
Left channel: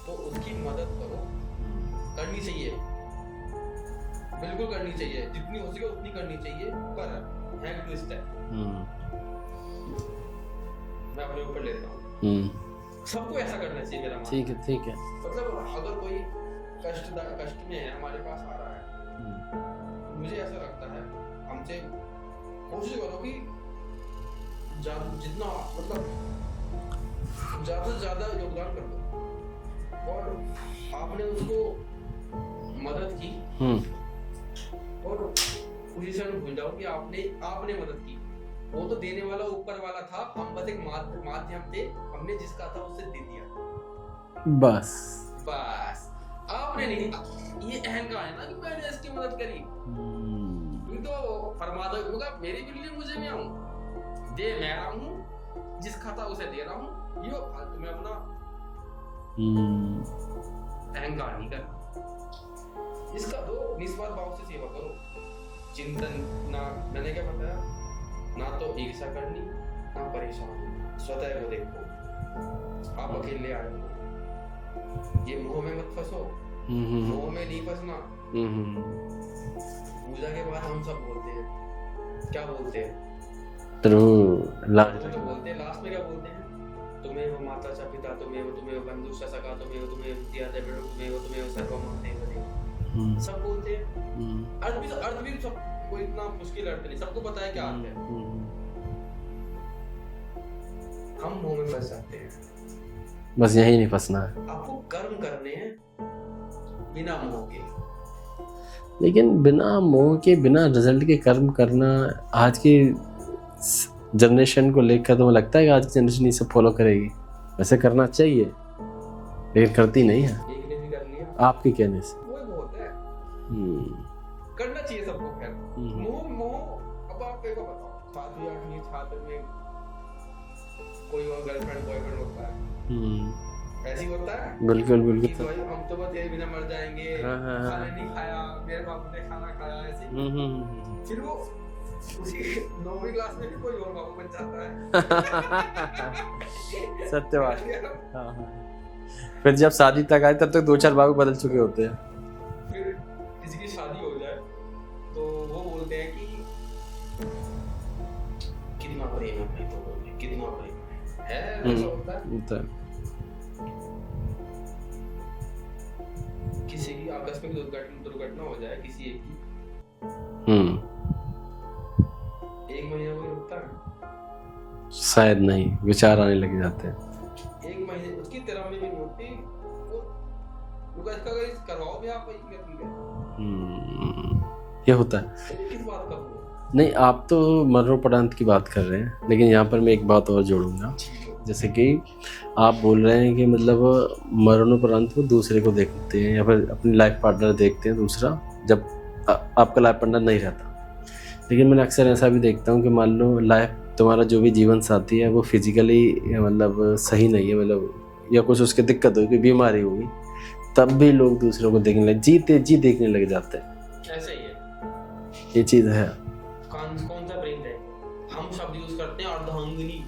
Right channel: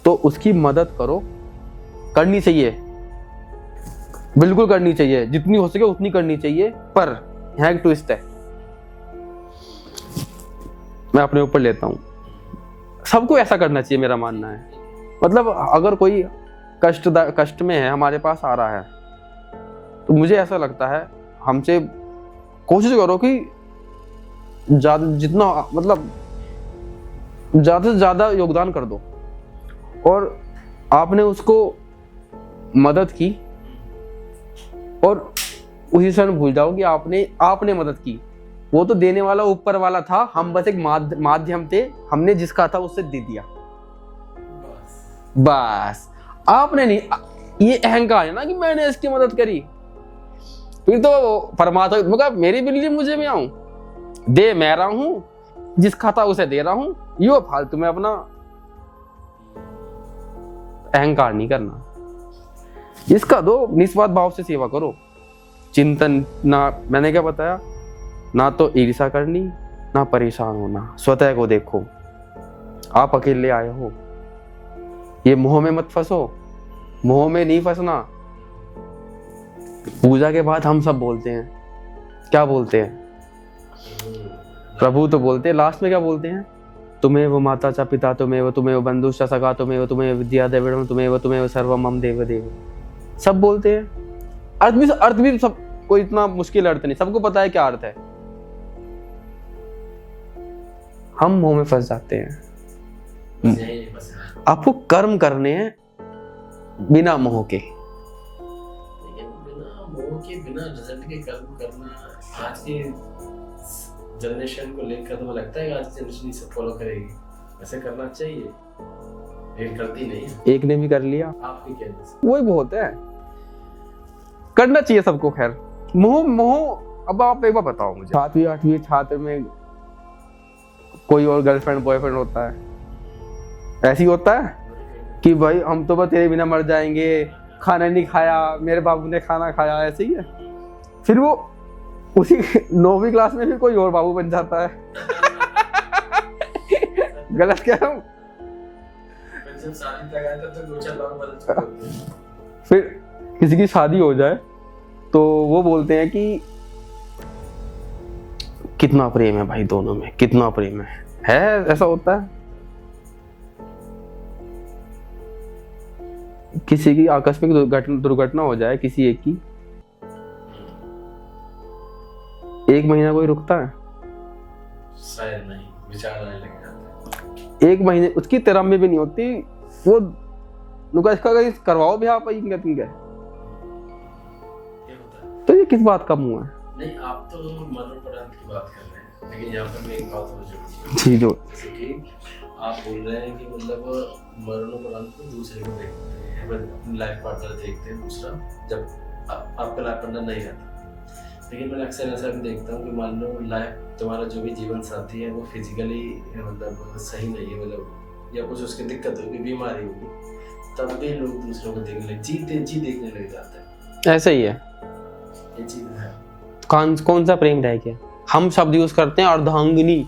तो उसकी मदद करो, करनी चाहिए, बिल्कुल करनी चाहिए, जितनी हो सके उतनी करनी चाहिए। पर यहाँ एक ट्विस्ट है, मैं अपने ऊपर लेता हूँ, सबको ऐसा करना चाहिए, मेरा मानना है। ठीक है। मतलब अगर कोई कष्ट में है, हमारे पास आ रहा है, तो मुझे ऐसा लगता है हमसे कोशिश करो कि जितना मतलब ज्यादा से ज्यादा योगदान कर दो। और आपने उसको मदद की और उसी क्षण भूल जाओ कि आपने मदद की। वो तो देने वाला ऊपर वाला था, हम बस एक माध्यम थे, हमने जिसका था उससे दे दिया, बस। आपने नहीं, ये अहंकार है ना कि मैंने इसकी मदद करी। फिर तो परमात्मा मतलब मेरी बिल्ली मुझे में आऊं, दे मैं रहा हूं, जिसका था उसे दे रहा हूं, यो फालतू में अपना अहंकार नहीं करना। इसका दो, निस्वार्थ भाव से सेवा करो, चिंतन ना, मैंने क्या बताया, ना तो ईर्ष्या करनी, ना परेशान होना, स्वतः को देखो। आप अकेले आए हो, ये मोह में मत फंसो, मोह में नहीं फंसना। पूजा के बाद हम सब बोलते हैं, क्या बोलते हैं? प्रभु तो बोलते हैं, लास्ट में क्या बोलते हैं? तुम्हें वो माता चा पिता, तुम्हें वो बंधु चा सखा, तुम्हें विद्या देव, तुम्हें सर्वम मम देव देव, सब बोलते हैं। अर्थ भी सब कोई इतना मुश्किल अर्थ नहीं, सबको पता है क्या अर्थ है। हम मोह में फंस जाते हैं, बस यही नहीं फंसना है। आपको कर्म करने हैं बिना मोह के। लेकिन बिना मोह के, बिना रिजल्ट के कर्म करना आज की जनरेशन को लेकर तो मुझे लगता है कि आज की जनरेशन इसे फॉलो करेगी। वैसे करना चाहिए लेकिन करती नहीं है। एक ने भी कर लिया आपके कहने से, वही बहुत है। करना चाहिए सबको। खैर, मोह अब आप एक बार बताओ मुझे, 7वीं 8वीं छात्र में कोई और गर्लफ्रेंड बॉयफ्रेंड होता है, ऐसी होता है? बिल्कुल बिल्कुल कि भाई हम तो बस तेरे बिना मर जाएंगे, खाना नहीं खाया, मेरे बाबू ने खाना खाया, ऐसे ही है। फिर वो उसी 9वीं क्लास में भी कोई और बाबू बन जाता है। गलत क्या है? फिर जब शादी तक आए तब तक 2-4 बाबू बदल चुके होते हैं। फिर किसी की शादी हो जाए तो वो बोलते हैं कि कितना प्रेम है भाई दोनों में, कितना प्रेम है ऐसा होता है। किसी की आकस्मिक दुर्घटना हो जाए, किसी एक की, 1 महीना कोई रुकता है? शायद नहीं, विचार आने लग जाते हैं। 1 महीने उसकी तेरामी भी नहीं होती, वो नुका इसका करवाओ भी आप ये होता है। तो ये किस बात का मुंह है? नहीं, आप तो मरणोपरांत की बात कर रहे हैं, लेकिन यहाँ पर मैं एक बात और जोड़ूंगा। जैसे कि आप बोल रहे हैं कि मतलब मरणोपरांत वो दूसरे को देखते हैं या फिर अपनी लाइफ पार्टनर देखते हैं दूसरा, जब आपका लाइफ पार्टनर नहीं रहता। लेकिन मैंने अक्सर ऐसा भी देखता हूँ कि मान लो तुम्हारा जो भी जीवन साथी है वो फिजिकली मतलब सही नहीं है, मतलब या कुछ उसकी दिक्कत होगी, बीमारी होगी, तब भी लोग दूसरों को देखने लग जाते हैं। ऐसा ही है, ये चीज़ है। कौन सा प्रेम रह गया? हम शब्द यूज करते हैं अर्धांगिनी।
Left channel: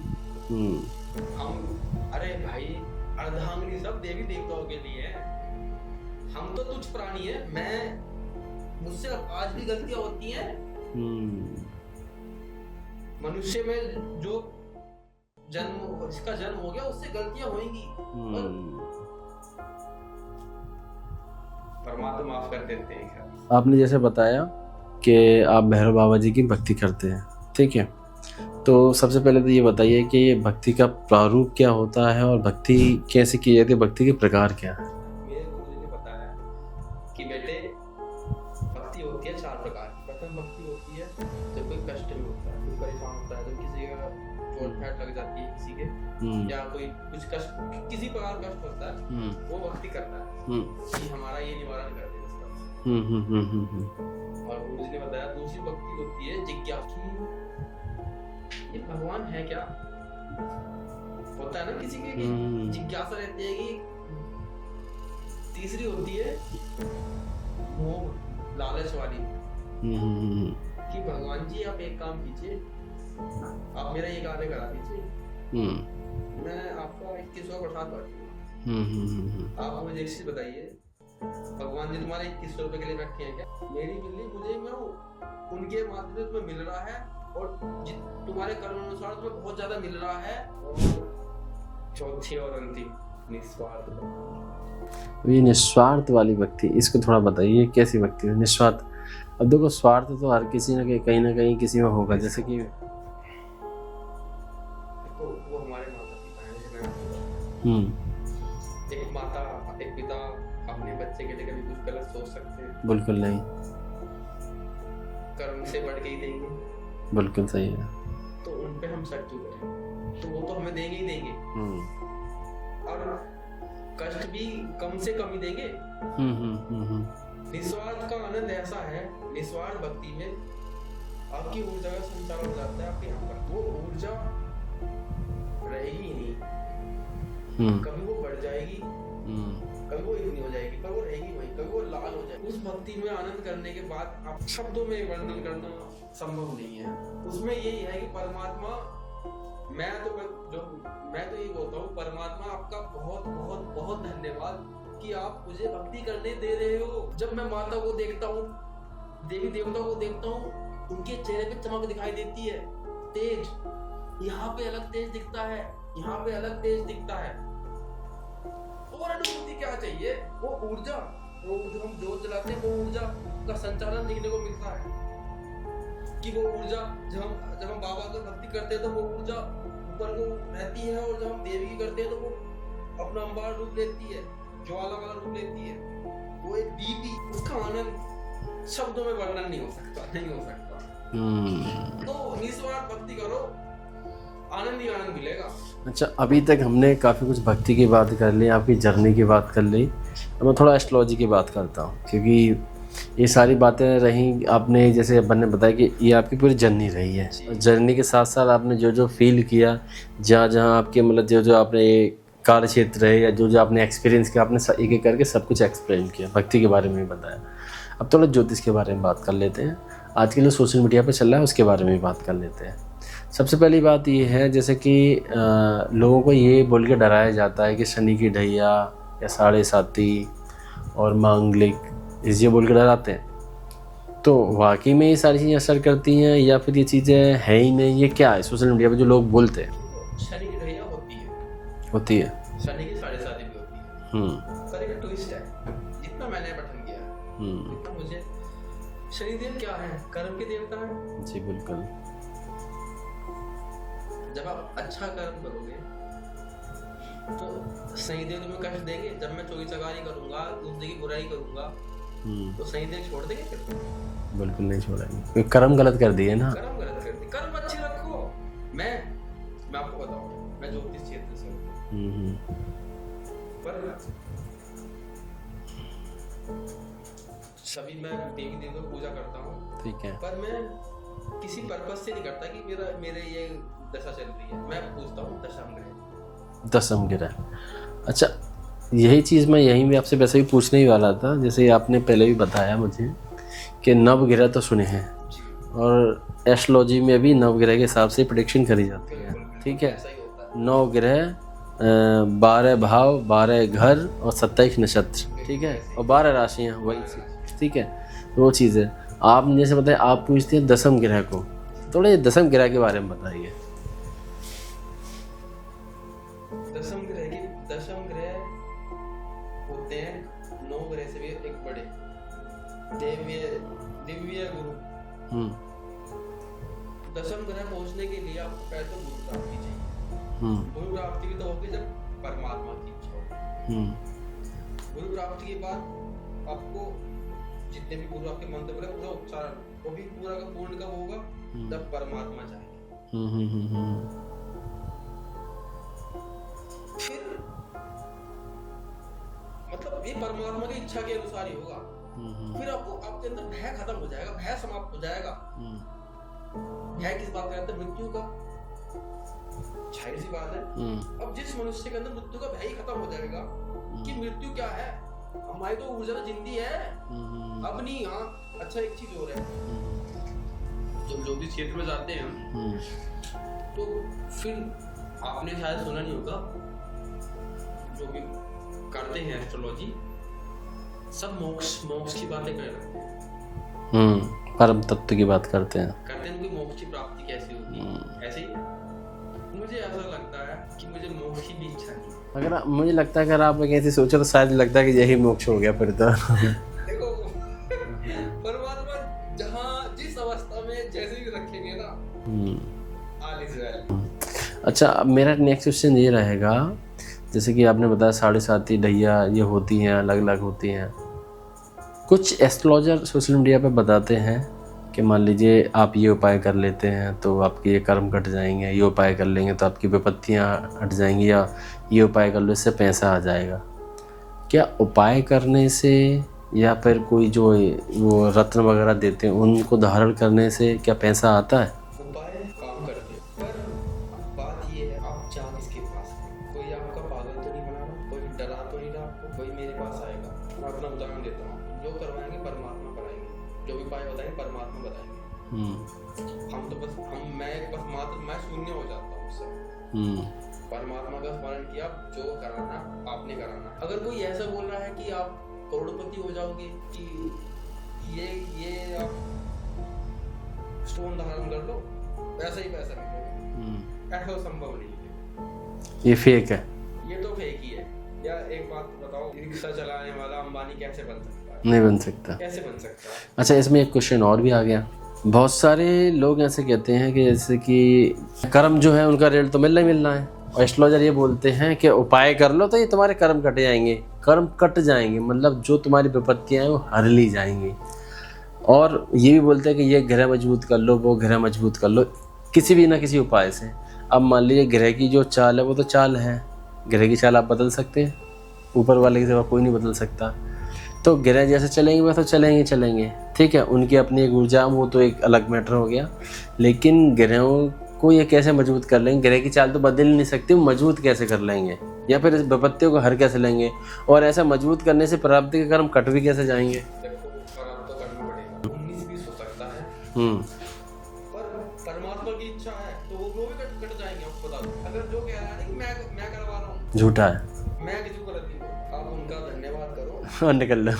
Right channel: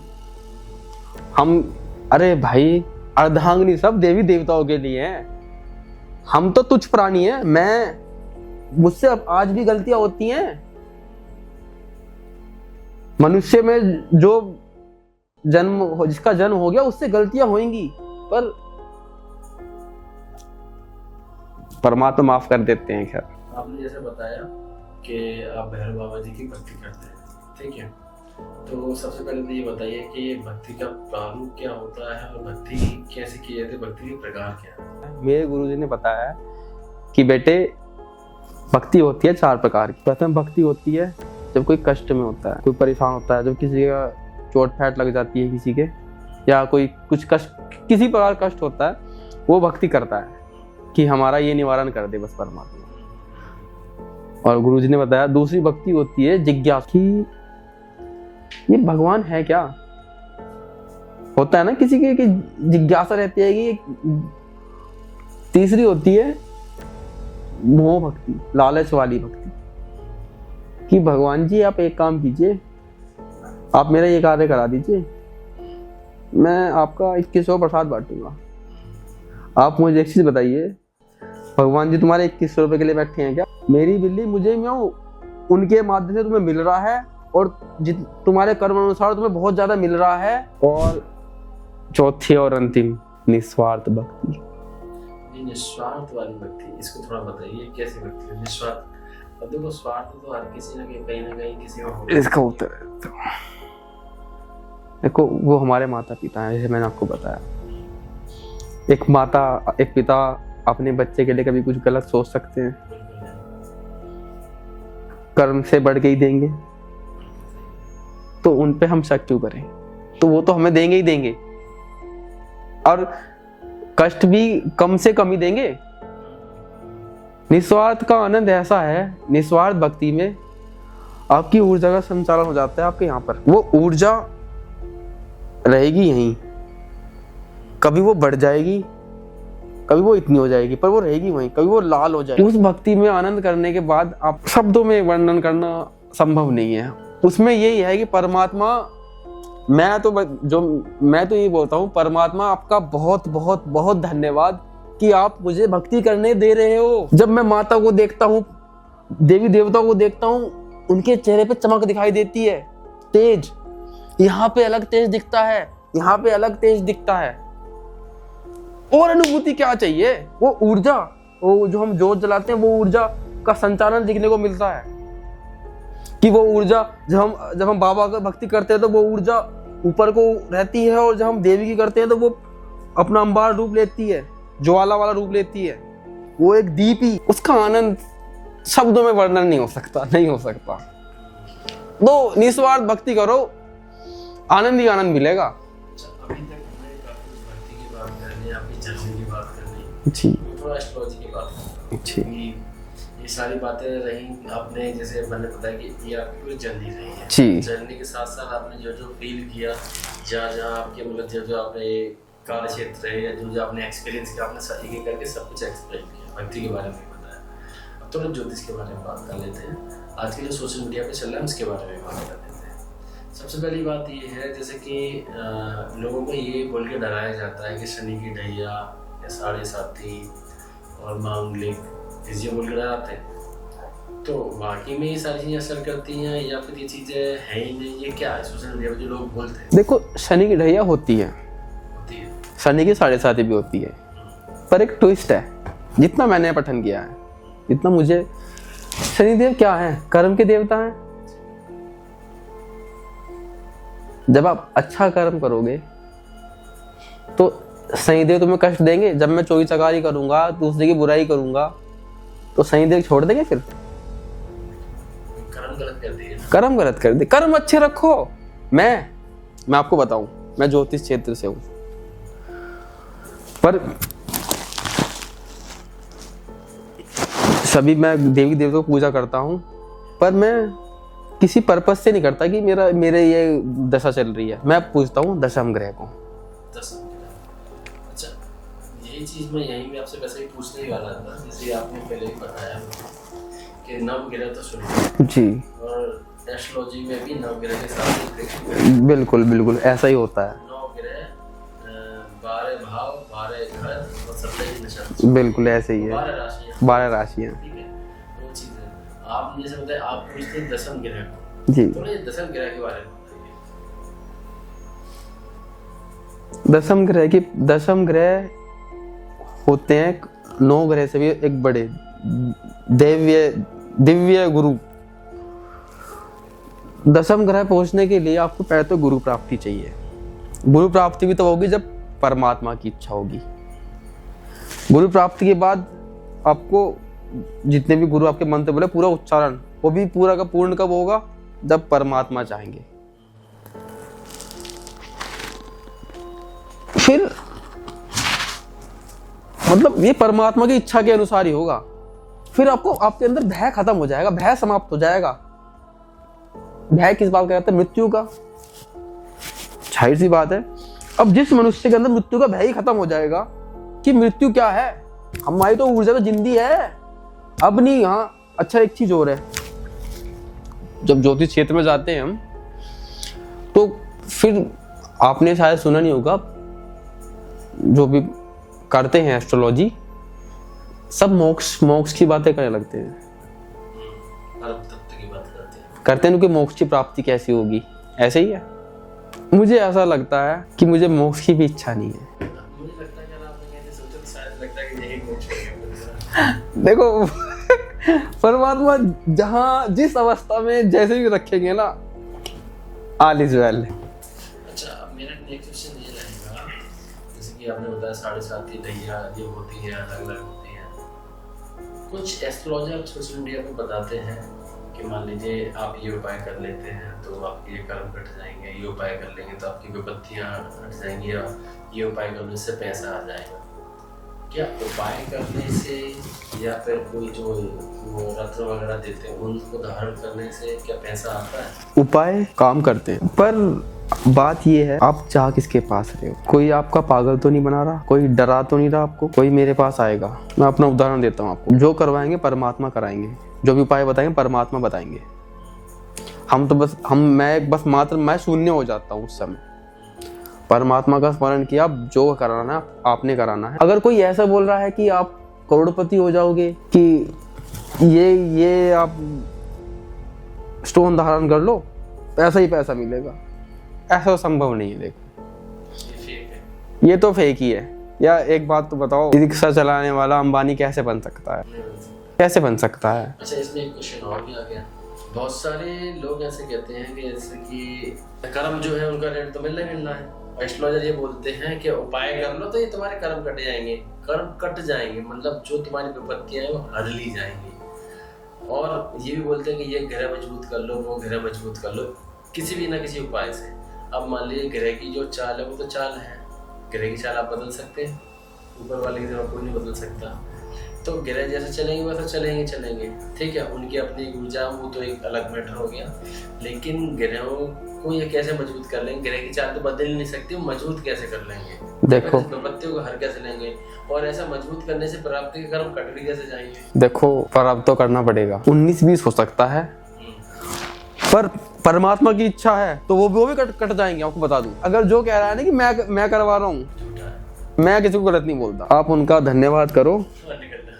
हम, अरे भाई अर्धांगिनी सब देवी देवताओं के लिए है, हम तो तुच्छ प्राणी है। मुझसे अब आज भी गलतियां होती हैं। मनुष्य में जो जिसका जन्म हो गया उससे गलतियां होंगी, पर परमात्मा माफ कर देते हैं। खैर, आपने जैसे बताया कि आप भैरव बाबा जी की भक्ति करते हैं, ठीक है, तो सबसे पहले तो ये बताइए कि ये भक्ति का प्रारूप क्या होता है और भक्ति कैसे की जाती है, भक्ति के प्रकार क्या है? मेरे गुरुजी ने बताया कि बेटे भक्ति होती है 4 प्रकार की। प्रथम भक्ति होती है जब कोई कष्ट में होता है, कोई परेशान होता है, जब किसी का चोट फैट लग जाती है किसी के, या कोई कुछ कष्ट, किसी प्रकार कष्ट होता है, वो भक्ति करता है कि हमारा ये निवारण कर दे बस परमात्मा। और गुरुजी ने बताया दूसरी भक्ति होती है जिज्ञासा, कि ये भगवान है क्या, होता है ना किसी के कि जिज्ञासा रहती है कि। तीसरी होती है मोह भक्ति, लालच वाली भक्ति, कि भगवान जी आप एक काम कीजिए, आप मेरा ये कार्य करा दीजिए, मैं आपका 2100 प्रसाद बांटूंगा। आप मुझे एक चीज बताइए, भगवान जी तुम्हारे 2100 रुपए के लिए बैठे हैं क्या? मेरी बिल्ली मुझे म्याऊं, उनके माध्यम से तुम्हें मिल रहा है, और तुम्हारे कर्म अनुसार तुम्हें बहुत ज्यादा मिल रहा है। और चौथी और अंतिम निस्वार्थ भक्ति। ये निस्वार्थ वाली भक्ति, इसको थोड़ा बताइए कैसी भक्ति है निस्वार्थ? अब देखो स्वार्थ तो हर किसी ने कहीं ना कहीं किसी में होगा। इसका उत्तर देखो, वो हमारे माता पिता हैं, जैसे मैंने आपको बताया। एक पिता अपने बच्चे के लिए कभी कुछ गलत सोच सकते हैं? बिल्कुल नहीं। कर्म से बढ़ के ही देंगे? बिल्कुल सही है। तो उन पे हम शक क्यों करें? तो वो तो हमें देंगे ही देंगे, और कष्ट भी कम से कम ही देंगे। निस्वार्थ का आनंद ऐसा है, निस्वार्थ भक्ति में आपकी ऊर्जा का संचालन हो जाता है आपके यहाँ पर। वो ऊर्जा रहेगी यहीं, कभी वो बढ़ जाएगी, कभी वो इतनी हो जाएगी, पर वो रहेगी वहीं, कभी वो लाल हो जाएगी। उस भक्ति में आनंद करने के बाद आप शब्दों में वर्णन करना संभव नहीं है। उसमें यही है कि परमात्मा, मैं तो ये बोलता हूँ, परमात्मा आपका बहुत बहुत बहुत धन्यवाद कि आप मुझे भक्ति करने दे रहे हो। जब मैं माता को देखता हूँ, देवी देवताओं को देखता हूँ, उनके चेहरे पे चमक दिखाई देती है, तेज। यहाँ पे अलग तेज दिखता है, यहाँ पे अलग तेज दिखता है। और अनुभूति क्या चाहिए? वो ऊर्जा, वो जो हम जोत जलाते हैं, वो ऊर्जा का संचालन दिखने को मिलता है। कि वो ऊर्जा जब हम बाबा का भक्ति करते हैं तो वो ऊर्जा ऊपर को रहती है, और जब हम देवी की करते हैं तो वो अपना अंबार रूप लेती है, ज्वाला वाला रूप लेती है। वो एक दीप ही, उसका आनंद शब्दों में वर्णन नहीं हो सकता। तो निस्वार्थ भक्ति करो, आनंद ही आनंद मिलेगा। अच्छा, अभी तक हमने काफ़ी कुछ भक्ति की बात कर ली, आपकी जर्नी की बात कर ली। अब मैं थोड़ा एस्ट्रोलॉजी की बात करता हूँ, क्योंकि ये सारी बातें रही। आपने जैसे अपन ने बताया कि ये आपकी पूरी जर्नी रही है। जर्नी के साथ साथ आपने जो जो फील किया, जहाँ आपके मतलब जो आपने कार्य क्षेत्र है, या जो आपने एक्सपीरियंस किया, आपने एक एक करके सब कुछ एक्सप्लेन किया, भक्ति के बारे में भी बताया। अब थोड़ा ज्योतिष के बारे में बात कर लेते हैं। आजकल जो सोशल मीडिया पर चल रहा है उसके बारे में भी बात कर लेते हैं। सबसे पहली बात ये है, जैसे कि लोगों को ये बोल के डराया जाता है कि शनि की ढैया या 7.5 और मांगलिक, इस ये बोल के डराते हैं। तो वाकई में ये सारी चीज़ें असर करती हैं, या फिर ये चीज़ें है ही नहीं? ये क्या है सोशल मीडिया पे जो लोग बोलते हैं? देखो, शनि की ढैया होती है, शनि की 7.5 भी होती है, पर एक ट्विस्ट है। जितना मैंने पठन किया है, जितना मुझे, शनिदेव क्या है? कर्म के देवता हैं। जी बिल्कुल। जब आप अच्छा कर्म करोगे तो शनिदेव तुम्हें कष्ट देंगे। जब मैं चोरी चकारी करूंगा, दूसरे की बुराई करूंगा, तो शनिदेव छोड़ देंगे? फिर बिल्कुल नहीं छोड़ेंगे। कर्म गलत कर दिए ना, कर्म गलत कर दिए। कर्म अच्छे रखो। मैं आपको बताऊं, मैं ज्योतिष क्षेत्र से हूं, पर सभी मैं देवी देवताओं को पूजा करता हूं, ठीक है, पर मैं किसी पर्पज से नहीं करता कि मेरे ये दशा चल रही है। मैं पूछता हूँ दशम ग्रह को। दशम ग्रह, अच्छा, यही चीज़ मैं यहीं में आपसे वैसे ही पूछने ही वाला था। जैसे आपने पहले भी बताया मुझे कि नवग्रह तो सुने हैं जी, और एस्ट्रोलॉजी में भी नवग्रह के साथ ही प्रेडिक्शन करेंगे। बिल्कुल बिल्कुल ऐसा ही होता है। 9 ग्रह, 12 भाव, 12 घर और 27 नक्षत्र, बिल्कुल ऐसे ही है। 12 राशियाँ, 12 राशियाँ। ठीक है। तो वो चीज़ है। आप जैसे बताए, आप पूछते हैं दसम ग्रह को, जी, थोड़ा ये दसम ग्रह के बारे में बताइए। दसम ग्रह होते हैं 9 ग्रह से भी एक बड़े दिव्य गुरु। दसम ग्रह पहुंचने के लिए आपको पहले तो गुरु प्राप्ति चाहिए। गुरु प्राप्ति भी तो होगी जब परमात्मा की इच्छा होगी। गुरु प्राप्ति के बाद आपको जितने भी गुरु आपके मंत्र बोले पूरा उच्चारण, वो भी पूरा का पूर्ण कब होगा? जब परमात्मा चाहेंगे। फिर मतलब ये परमात्मा की इच्छा के अनुसार ही होगा। फिर आपको आपके अंदर भय खत्म हो जाएगा, भय समाप्त हो जाएगा। भय किस बात का रहता है? मृत्यु का। जाहिर सी बात है। अब जिस मनुष्य के अंदर मृत्यु का भय ही खत्म हो जाएगा कि मृत्यु क्या है, हमारी तो ऊर्जा तो जिंदी है, अब नहीं। हाँ, अच्छा एक चीज और है, जब ज्योतिष क्षेत्र में जाते हैं हम, तो फिर आपने शायद सुना नहीं होगा, जो भी करते हैं एस्ट्रोलॉजी, सब मोक्ष की बातें करने लगते हैं। परम तत्व की बात करते हैं कि मोक्ष की प्राप्ति कैसी होगी। ऐसे ही है। मुझे ऐसा लगता है कि मुझे मोक्ष की भी इच्छा नहीं है। अगर मुझे लगता है अगर आप ऐसे सोचो तो शायद लगता है कि यही मोक्ष हो गया फिर तो। देखो परमात्मा जहाँ जिस अवस्था में जैसे भी रखेंगे ना, ऑल इज वेल। अच्छा, अब मेरा नेक्स्ट क्वेश्चन ये रहेगा, जैसे कि आपने बताया 7.5 ढैया ये होती हैं, अलग अलग होती हैं। कुछ एस्ट्रोलॉजर सोशल मीडिया पे बताते हैं कि मान लीजिए आप ये उपाय कर लेते हैं तो आपके ये कर्म कट जाएंगे, ये उपाय कर लेंगे तो आपकी विपत्तियाँ हट जाएंगी, या ये उपाय कर लो इससे पैसा आ जाएगा। क्या उपाय करने से या फिर कोई जो वो रत्न वगैरह देते हैं उनको धारण करने से क्या पैसा आता है? उपाय काम करते हैं, पर बात ये है आप चाह किसके पास रहे हो। कोई आपका पागल तो नहीं बना रहा, कोई डरा तो नहीं रहा आपको, कोई मेरे पास आएगा। मैं अपना उदाहरण देता हूँ आपको, जो करवाएंगे परमात्मा कराएंगे, जो भी उपाय बताएंगे परमात्मा बताएंगे। हम तो बस मैं शून्य हो जाता हूँ उस समय। परमात्मा का स्मरण किया, जो कराना है आपने कराना है। अगर कोई ऐसा बोल रहा है कि आप करोड़पति हो जाओगे, कि ये आप स्टोन धारण कर लो पैसा ही पैसा मिलेगा, ऐसा संभव नहीं है। देखो ये फेक है, ये तो फेक ही है। या एक बात तो बताओ, रिक्शा चलाने वाला अंबानी कैसे बन सकता है? नहीं बन सकता। कैसे बन सकता है? अच्छा, इसमें एक क्वेश्चन और भी आ गया। बहुत सारे लोग ऐसे कहते हैं कि जैसे कि कर्म जो है उनका रेट तो मिलना ही मिलना है, और एस्ट्रोलॉजर ये बोलते हैं कि उपाय कर लो तो ये तुम्हारे कर्म कट जाएंगे। कर्म कट जाएंगे मतलब जो तुम्हारी विपत्तियाँ हैं वो हर ली जाएंगी। और ये भी बोलते हैं कि ये ग्रह मजबूत कर लो, वो ग्रह मजबूत कर लो, किसी भी ना किसी उपाय से। अब मान लीजिए ग्रह की जो चाल है वो तो चाल है, ग्रह की चाल आप बदल सकते हैं, ऊपर वाले की सिवा कोई नहीं बदल सकता। तो ग्रह जैसे चलेंगे वैसे चलेंगे, ठीक है, उनकी अपनी एक ऊर्जा, वो तो एक अलग मैटर हो गया। लेकिन ग्रहों को ये कैसे मजबूत कर लेंगे? ग्रह की चाल तो बदल ही नहीं सकती, वो मजबूत कैसे कर लेंगे, या फिर विपत्तियों को हर कैसे लेंगे, और ऐसा मजबूत करने से प्राप्ति के कर्म कट भी कैसे जाएंगे? देखो प्राप्त तो करना पड़ेगा, 19-20 हो सकता है, पर परमात्मा की इच्छा है तो वो भी कट जाएंगे। आपको बता दूं, अगर जो कह रहा है ना कि मैं करवा रहा हूँ, झूठा है। मैं किसी को गलत नहीं बोलता, आप उनका धन्यवाद करो और निकल लो।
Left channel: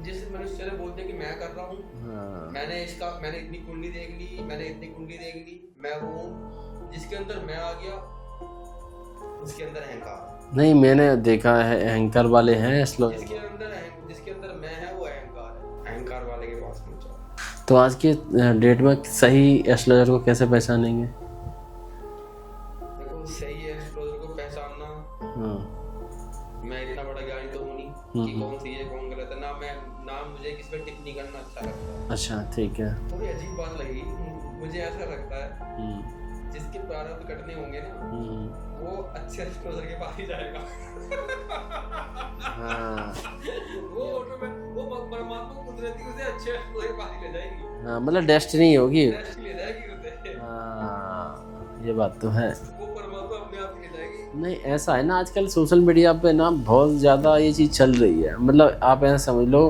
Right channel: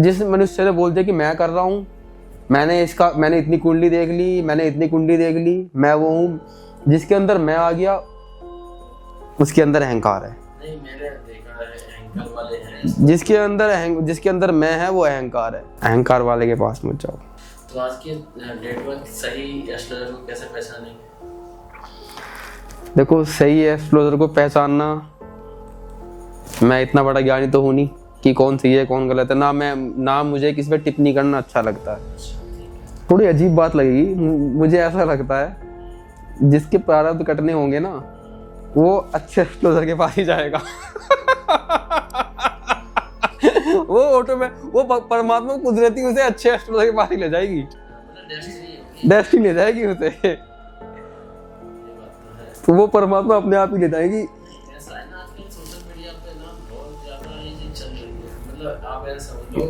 जिस मनुष्य ने बोलते कि मैं कर रहा हूँ, मैंने इतनी कुंडली देख ली, मैं वो हूँ, जिसके अंदर मैं आ गया उसके अंदर अहंकार है। नहीं, मैंने देखा है अहंकार वाले हैं, जिसके अंदर मैं है वो अहंकार है। अहंकार वाले के पास मत जाओ। तो आज के डेट में सही एस्ट्रोलॉजर को कैसे पहचानेंगे? देखो, सही एस्ट्रोलॉजर को पहचानना, मैं इतना बड़ा ज्ञानी तो हूँ नहीं कि कौन सही है कौन गलत है, ना मुझे किसी पे टिप्पणी करना अच्छा लगता है। अच्छा, ठीक है। थोड़ी अजीब बात लगेगी, मुझे ऐसा लगता है जिसके प्रारब्ध कटने होंगे ना, वो अच्छे एस्ट्रोलॉजर के पास ही जाएगा। वो ऑटो में वो परमात्मा कुदरती उसे अच्छे एस्ट्रोलॉजर के पास ही ले जाएगी। मतलब डेस्टिनी होगी, डेस्टिनी ले जाएगी उसे। ये बात तो है, तो वो परमात्मा अपने आप ही ले जाएगी। नहीं, ऐसा है ना, आजकल सोशल मीडिया पे ना बहुत ज़्यादा ये चीज़ चल रही है। मतलब आप ऐसा समझ लो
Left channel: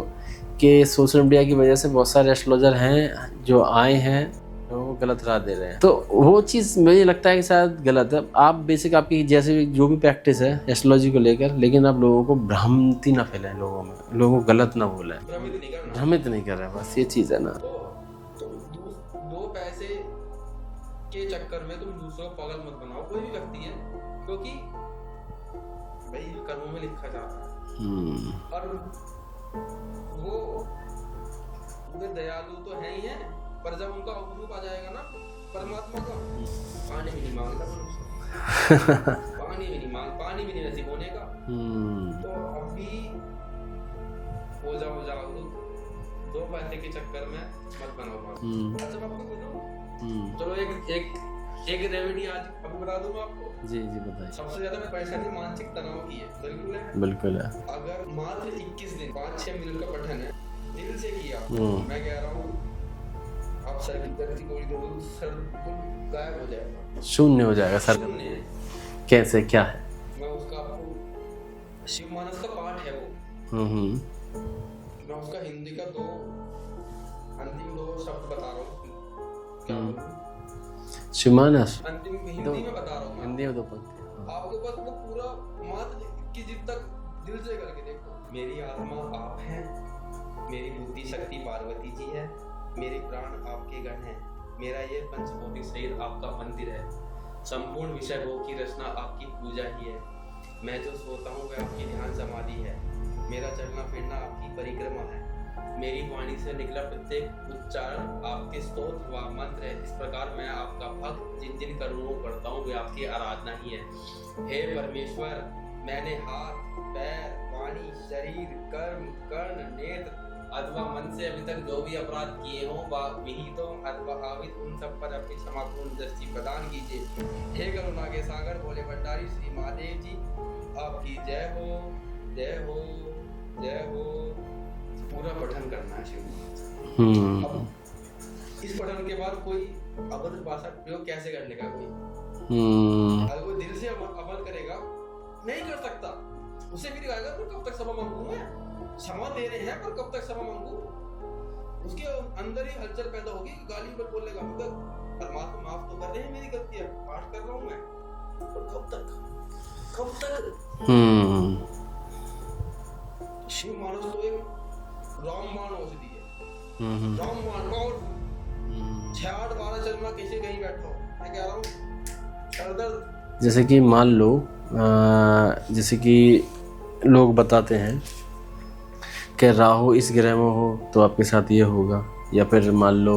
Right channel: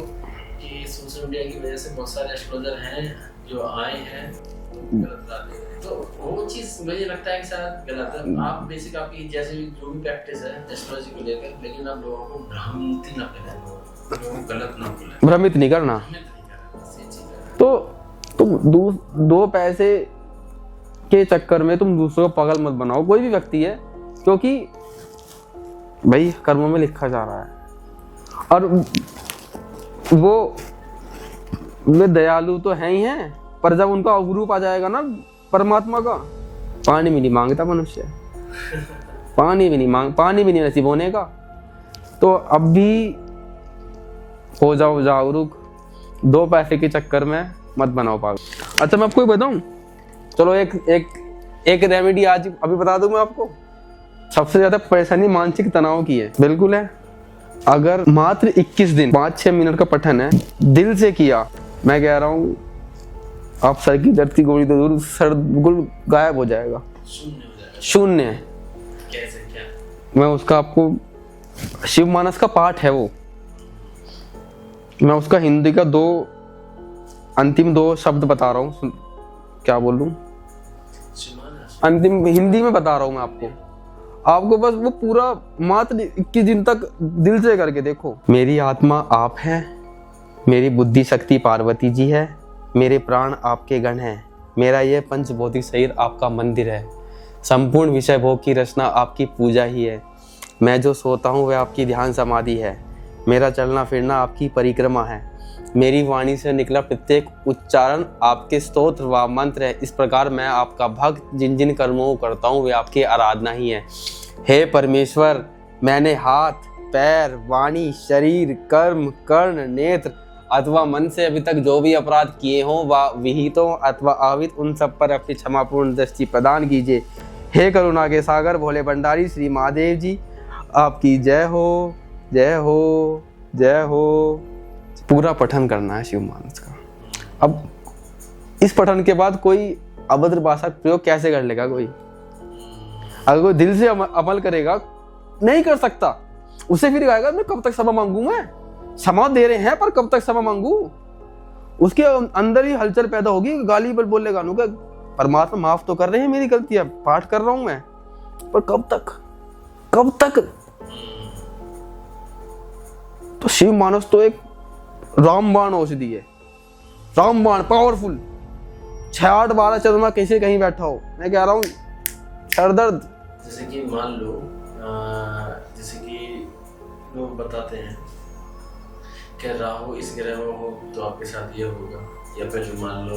कि सोशल मीडिया की वजह से बहुत सारे एस्ट्रोलॉजर हैं जो आए हैं तो वो गलत राह दे रहे हैं, तो वो चीज़ मुझे लगता है कि शायद गलत है। आप बेसिक आपकी जैसे जो भी प्रैक्टिस है एस्ट्रोलॉजी को लेकर, लेकिन आप लोगों को भ्रांति ना फैलाएं, लोगों में लोगों को गलत ना बोलें, भ्रमित नहीं करना, भ्रमित नहीं कर रहे, बस ये चीज़ है ना। तो तुम दो पैसे के चक्कर में तुम दूसरों को पागल मत बनाओ, कोई भी व्यक्ति है, क्योंकि भाई कर्मों में लिखा जा रहा है। और वे दयालु तो है ही हैं, पर जब उनका अवरूप आ जाएगा ना परमात्मा का, पानी भी नहीं मांगता मनुष्य पानी भी नहीं नसीब होने का। तो अब भी हो जाओ जागरूक, दो पैसे के चक्कर में मत बनाओ पागल। अच्छा मैं आपको एक बताऊं, चलो एक रेमेडी आज अभी बता दूं मैं आपको। जी बताइए। सबसे ज्यादा परेशानी मानसिक तनाव की है। बिल्कुल है। अगर मात्र 21 दिन 5-6 मिनट का पठन है, दिल से किया, मैं कह रहा हूँ आप सर की धरती गोली तो दूर, सर बिल्कुल गायब हो जाएगा, शून्य हो जाएगा। शून्य कैसे, क्या है? मैं उसका आपको, शिव मानस का पाठ है वो, मैं उसका हिंदी का अंतिम दो शब्द बता रहा हूँ, क्या बोलूं, शिवमानस अंतिम हिंदी में बता रहा हूँ मैं आपको बस वो पूरा मात्र 21 दिन तक दिल से करके देखो। मेरी आत्मा आप है, मेरी बुद्धि शक्ति पार्वती जी है, मेरे प्राण आपके गण हैं, मेरा यह पंचभौतिक शरीर आपका मंदिर है, संपूर्ण विषय भोग की रचना आपकी पूजा ही है, मैं जो सोता हूँ वह आपकी ध्यान समाधि है, मेरा चलना फिरना आपकी परिक्रमा है, मेरी वाणी से निकला प्रत्येक उच्चारण आपके स्तोत्र व मंत्र है। इस प्रकार मैं आपका भक्त जिन जिन कर्मों को करता हूँ वे आपकी आराधना ही है। हे परमेश्वर, मैंने हाथ, पैर, वाणी, शरीर, कर्म, कर्ण, नेत्र अथवा मन से अभी तक जो भी अपराध किए हों व विहितों अथवा आवित, उन सब पर अपनी क्षमापूर्ण दृष्टि प्रदान कीजिए। हे करुणा के सागर भोले भंडारी श्री महादेव जी, आपकी जय हो, जय हो, जय हो। पूरा पठन करना है शिव मानस का। अब इस पठन के बाद कोई अभद्र भाषा प्रयोग कैसे कर लेगा कोई? अगर कोई दिल से अमल करेगा, नहीं कर सकता, उसे फिर कहेगा मैं कब तक क्षमा मांगू, मैं क्षमा दे रहे हैं पर कब तक क्षमा मांगू, उसके अंदर ही हलचल पैदा होगी, गाली पर बोलेगा नु का परमात्मा माफ तो कर रहे हैं मेरी गलतियां, पाठ कर रहा हूं मैं, पर कब तक। तो शिव मानस तो एक रामबाण औषधि है, रामबाण पावरफुल। 6-8 12 चलना कैसे कहीं बैठा हो, मैं कह रहा हूँ सर दर्द। जैसे कि मान लो जैसे कि लोग बताते हैं कि राहु इस ग्रह में हो तो आपके साथ ये होगा, या फिर मान लो,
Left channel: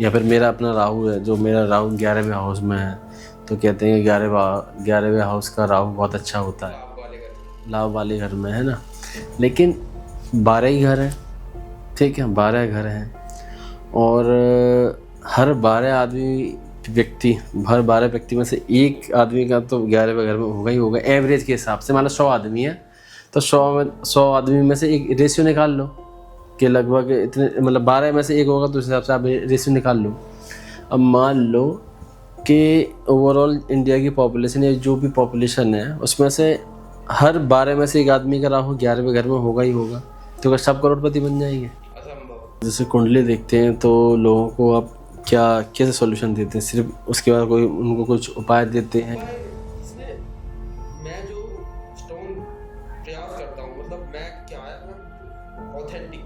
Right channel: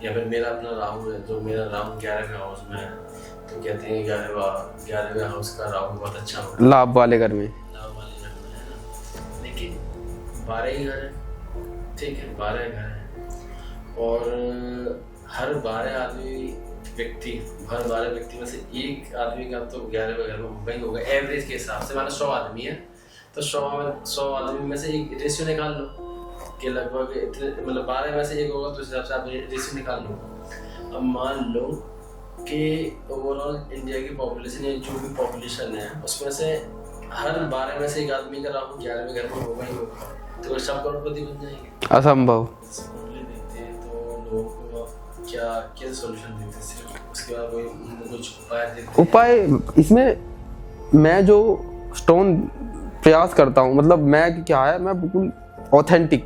या फिर मेरा अपना राहु है, जो मेरा राहु 11वें हाउस में है, तो कहते हैं 11वें हाउस का राहु बहुत अच्छा होता है, लाभ वाले घर में है ना। लेकिन 12 ही घर हैं, ठीक है, 12 घर हैं, और हर 12 व्यक्ति में से एक आदमी का तो 11वें घर में होगा ही होगा, एवरेज के हिसाब से। मान लो 100 आदमी है तो 100 आदमी में से एक रेशियो निकाल लो कि लगभग इतने, मतलब 12 में से एक होगा, तो उस हिसाब से आप रेशियो निकाल लो। अब मान लो कि ओवरऑल इंडिया की पॉपुलेशन या जो भी पॉपुलेशन है उसमें से हर 12 में से एक आदमी का राहु 11वें घर में होगा ही होगा, तो क्या सब करोड़पति बन जाएंगे? असंभव। जैसे कुंडली देखते हैं तो लोगों को आप कैसे सॉल्यूशन देते हैं? सिर्फ उसके बाद कोई उनको कुछ उपाय देते हैं? उपाय इसमें मैं जो स्टोन प्रयास करता हूँ, मतलब मैं क्या है, मैं बिल्कुल ऑथेंटिक,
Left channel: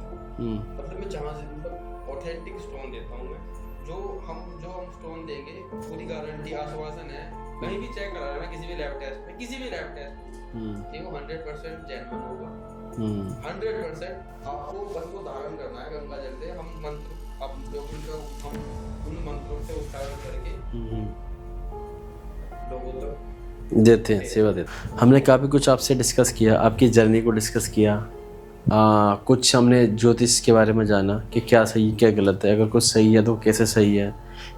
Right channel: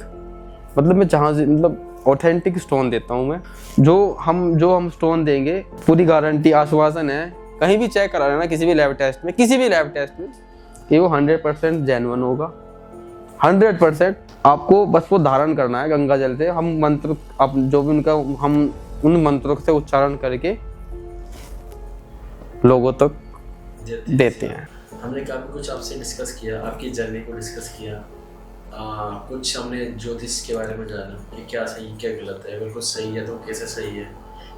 मतलब मैं जहाँ से मतलब ऑथेंटिक स्टोन देता हूँ मैं। जो हम स्टोन देंगे पूरी गारंटी आश्वासन है, कहीं भी चेक करा लेना, किसी भी लैब टेस्ट में कि वो 100% जेन्युइन होगा। 100% आपको बस वो धारण करना है गंगा जल से। हम मंत्र, आप जो भी उनका, हम उन मंत्रों से उच्चारण करके लोगों तक देते हैं। हमने काफ़ी कुछ आपसे डिस्कस किया, आपकी जर्नी को डिस्कस किया, कुछ हमने ज्योतिष के बारे में जाना कि क्या सही क्या गलत है, अगर कुछ सही है तो कैसे सही है,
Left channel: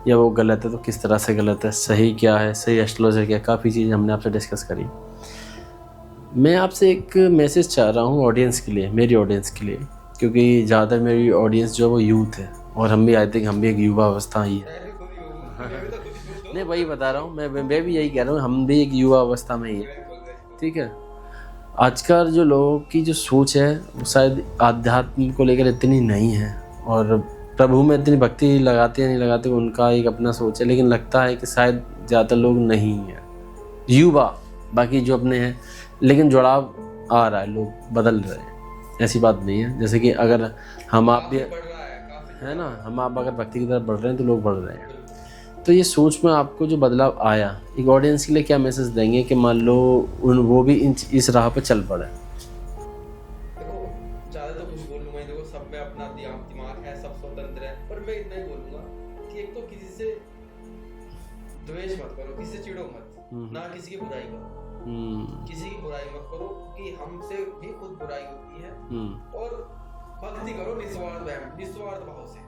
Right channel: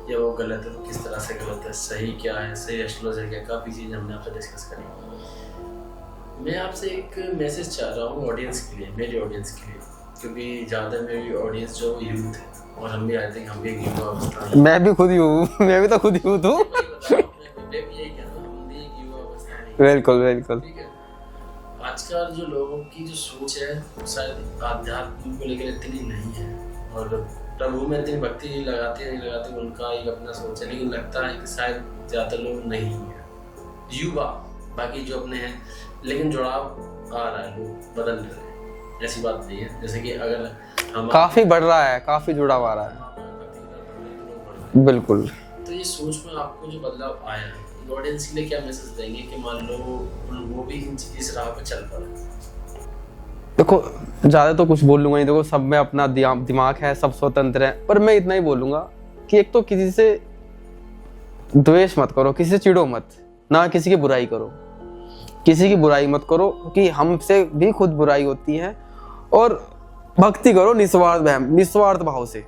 या वो गलत है तो किस तरह से गलत है, सही क्या है, सही एस्ट्रोलॉजर क्या, काफ़ी चीज़ हमने आपसे डिस्कस करी। मैं आपसे एक मैसेज चाह रहा हूँ ऑडियंस के लिए, मेरी ऑडियंस के लिए, क्योंकि ज़्यादा मेरी ऑडियंस जो है वो यूथ है, और हम भी आई थिंक हम भी एक युवा अवस्था ही। मैं भी खुद ही हूँ, मैं भी तो खुद ही हूँ, वही बता रहा हूँ, मैं भी यही कह रहा हूँ, हम भी एक युवा अवस्था में ही। बिल्कुल। ठीक है, आजकल जो लोगों की जो सोच है वो शायद आध्यात्म को लेकर इतनी नहीं है, और प्रभु में इतनी भक्ति लगाते या नहीं लगाते उनका एक अपना सोच है, लेकिन लगता है कि शायद ज़्यादातर लोग नहीं हैं, युवा बाकी जो अपने हैं, लेकिन जुड़ाव आ रहा है, लोग बदल रहे हैं, ऐसी बात नहीं है। जैसे कि अगर हम काफी बढ़ रहा है, काफी जुड़ाव आ रहा है। हम आप अगर भक्ति की तरफ बढ़ रहे हैं तो लोग बढ़ रहे हैं। बिल्कुल। तो ये सोच में आपको जो बदलाव आया, एक ऑडियंस के लिए क्या मैसेज देंगे कि मान लो वो भी इस राह पर चल पड़े? देखो ज़्यादा तो कुछ बोल लूँगा नहीं, देखो सब में अपना दिमाग है, सब स्वतंत्र है, पर मैं इतना ही बोलूँगा कि एक तो किसी से द्वेष मत करो, किसी से चिढ़ो मत, ना किसी की बुराई करो, किसी की बुराई मत करो, क्योंकि हमसे भी खुद बुराई होती है। और भक्ति करो निस्वार्थ भाव से,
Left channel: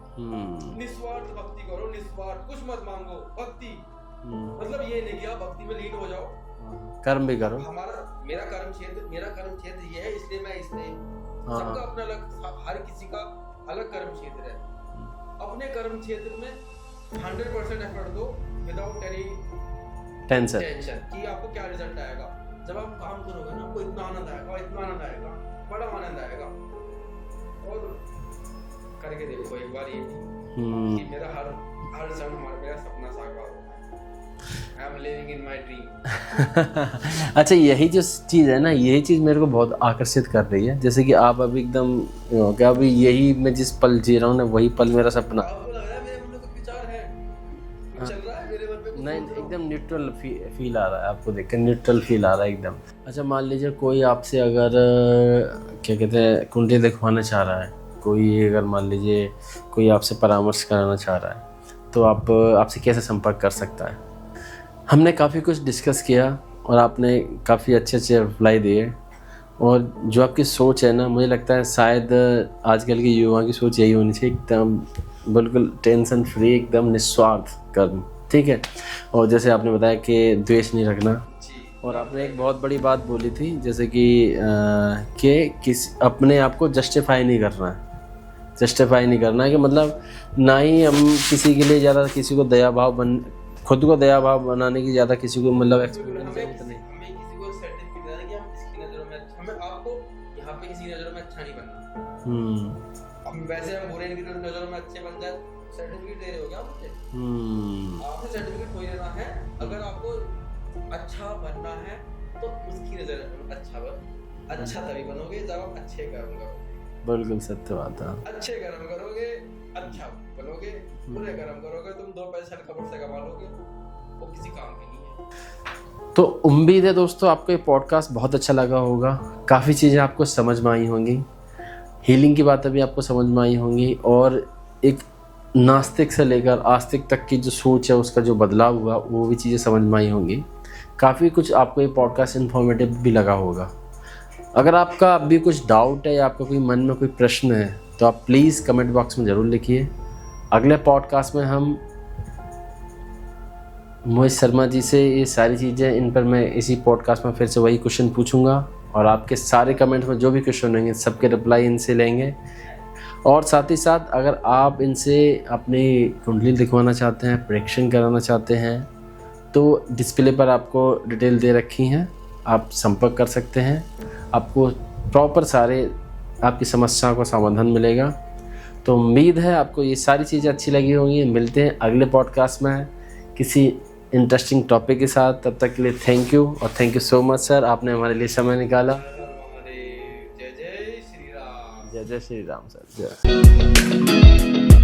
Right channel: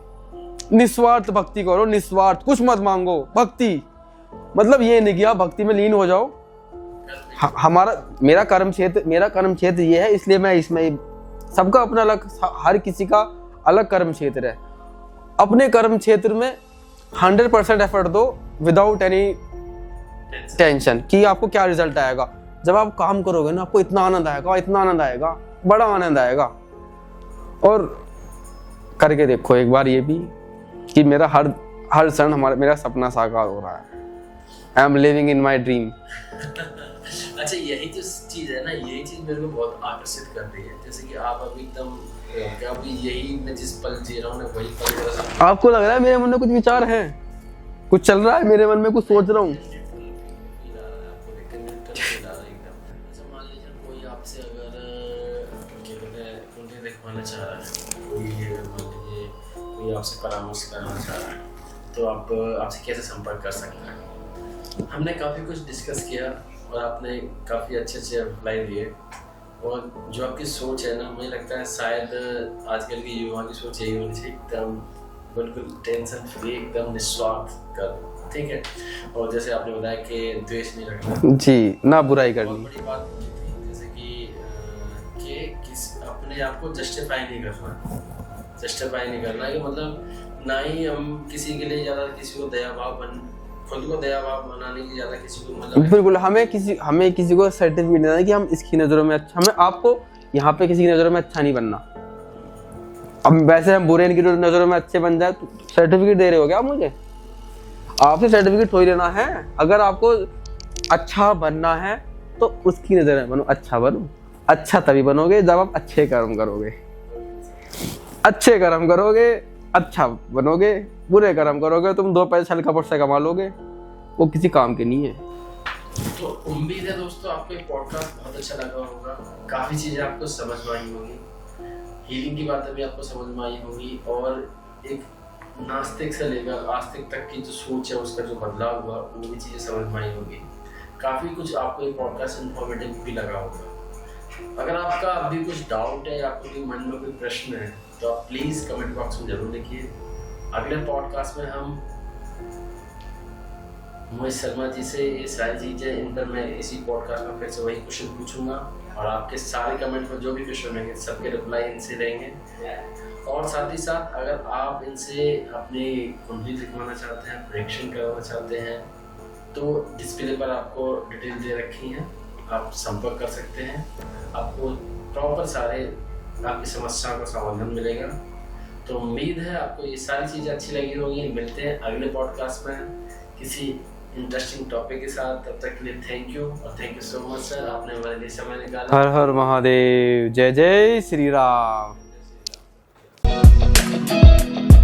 निस्वार्थ भक्ति करो, निस्वार्थ, कुछ मत मांगो। भक्ति मतलब ये नहीं कि आप भक्ति में लीन हो जाओ, कर्म भी करो। मेरा कर्म क्षेत्र ये है, इसलिए मैं इसमें, सबका अपना अलग, हर किसी का अलग कर्म क्षेत्र है। अपने कर्म क्षेत्र में 100% एफर्ट दो विदाउट एनी टेंशन कि आपको क्या रिजल्ट आएगा। जब आप काम करोगे ना, आपको इतना आनंद आएगा, बड़ा आनंद आएगा। और करके देखो एक बार ये भी कि मेरा हर क्षण मेरा सपना साकार हो रहा है। I am living in my dream. अच्छा, यही जो चीज़ है ना, यही चीज़ मेरे को बहुत आकर्षित कर रही है। जैसे कि आप अभी एकदम क्या, अभी यही मैं जिस पल जी रहा हूँ ना, वही पल मेरा सपना। आपको लग रहा है मेरे मन में कुछ विचार है, कुछ चल रहा है मेरे मन में, कुछ सोच रहा हूँ? एकदम न्यूट्रल फील आ रहा है, आपको देखकर न्यूट्रल फील आ रहा है एकदम। अच्छा, मान लीजिए कोई आपसे अगर क्या कहते हैं कुंडली दिखवाना चाह रहा है, कोई अगर मान लीजिए कोई आपसे परामर्श कराना चाह रहा है, तो आपसे कैसे संपर्क कर सकता है? हमने काफ़ी कुछ डिस्कस किया और आपने काफ़ी अच्छे रिप्लाई दिए, और जो आपकी सोच है ना, मुझे लगता है शायद आजकल के युवा की सोच यही होनी चाहिए, एकदम बिल्कुल टेंशन फ्री, एकदम निस्वार्थ कर्म, ठीक है। और जैसे आपने बताया कि द्वेष नहीं रखना जी, ना बुराई करनी। बहुत बड़ी बात बोली थी, जैसे कि अपने आप को जस्टिफाई नहीं करना कि मतलब ना ही हम किसी के लिए ज़्यादा किसी को खुद को दया भाव बनाने की ज़्यादा किसी को मतलब बिल्कुल। हमें किसी को सर्टिफिकेट देना है कि हम इसकी नज़रों में अच्छा, हमें आपको यहाँ पे किसी की नज़रों में अच्छा नहीं बनना। अब वैसे हम बुरे इनकी नज़रों में अच्छे बन जाए तो सर्टिफिकेट दे रहे हो क्या मुझे? आपसे सर्टिफिकेट थोड़ी लेना है। अगर आपको अच्छा बनना है तो उसकी नज़र में बनो, अच्छा बनो। अच्छा तभी बनोगे जब आप अच्छे कर्म करोगे। बिल्कुल सत्य बात है। अच्छे कर्म करोगे अच्छा बनोगे, बुरे कर्म करोगे तुम 2 पैसे छल कपट से कमा लोगे, वो किसी काम के नहीं है। तो उम्मीद है दोस्तों आपको ये पॉडकास्ट बहुत अच्छा लगा होगा, काफ़ी चीज़ें आपको समझ में आई होंगी, हीलिंग की बातें भी आपको समझ में आई होंगी, और एक नास्तिक से लेकर आस्तिक तक की जो सोच है उसका जो बदलाव हुआ वो भी चीज़ें समझ में आई होंगी। काफ़ी कुछ आपको ये पॉडकास्ट इन्फॉर्मेटिव भी लगा होगा। अगर आपका अभी कुछ डाउट है या आपका कोई मन में कोई प्रश्न है तो आप प्लीज़ कमेंट बॉक्स में ज़रूर लिखिए। अगले पॉडकास्ट में हम मोहित शर्मा जी से ये सारी चीज़ें, इन पर मैं इसी पॉडकास्ट में फिर से वही क्वेश्चन पूछूंगा, और आपके सारे कमेंट में जो भी क्वेश्चन होंगे सबके रिप्लाई इनसे लेंगे। और साथ ही साथ अगर आप इनसे अपनी कुंडली दिखवाना चाहते हैं, प्रेडिक्शन कराना चाहते हैं, तो डिस्प्ले पर आपको डिटेल दे रखी हैं, आप संपर्क कर सकते हैं। आपको प्रॉपर सारे आपकी समस्याओं का समाधान मिलेगा। तो उम्मीद है आपको ये सारी चीज़ें अच्छी लगी होंगी। मिलते हैं अगले पॉडकास्ट में किसी इंटरेस्टिंग टॉपिक के साथ। तब तक के लिए थैंक यू, और thank you so much sir, आपने हमारे लिए समय निकाला। हर हर महादेव। जय जय श्री राम। जय जय श्री राम सर। जय।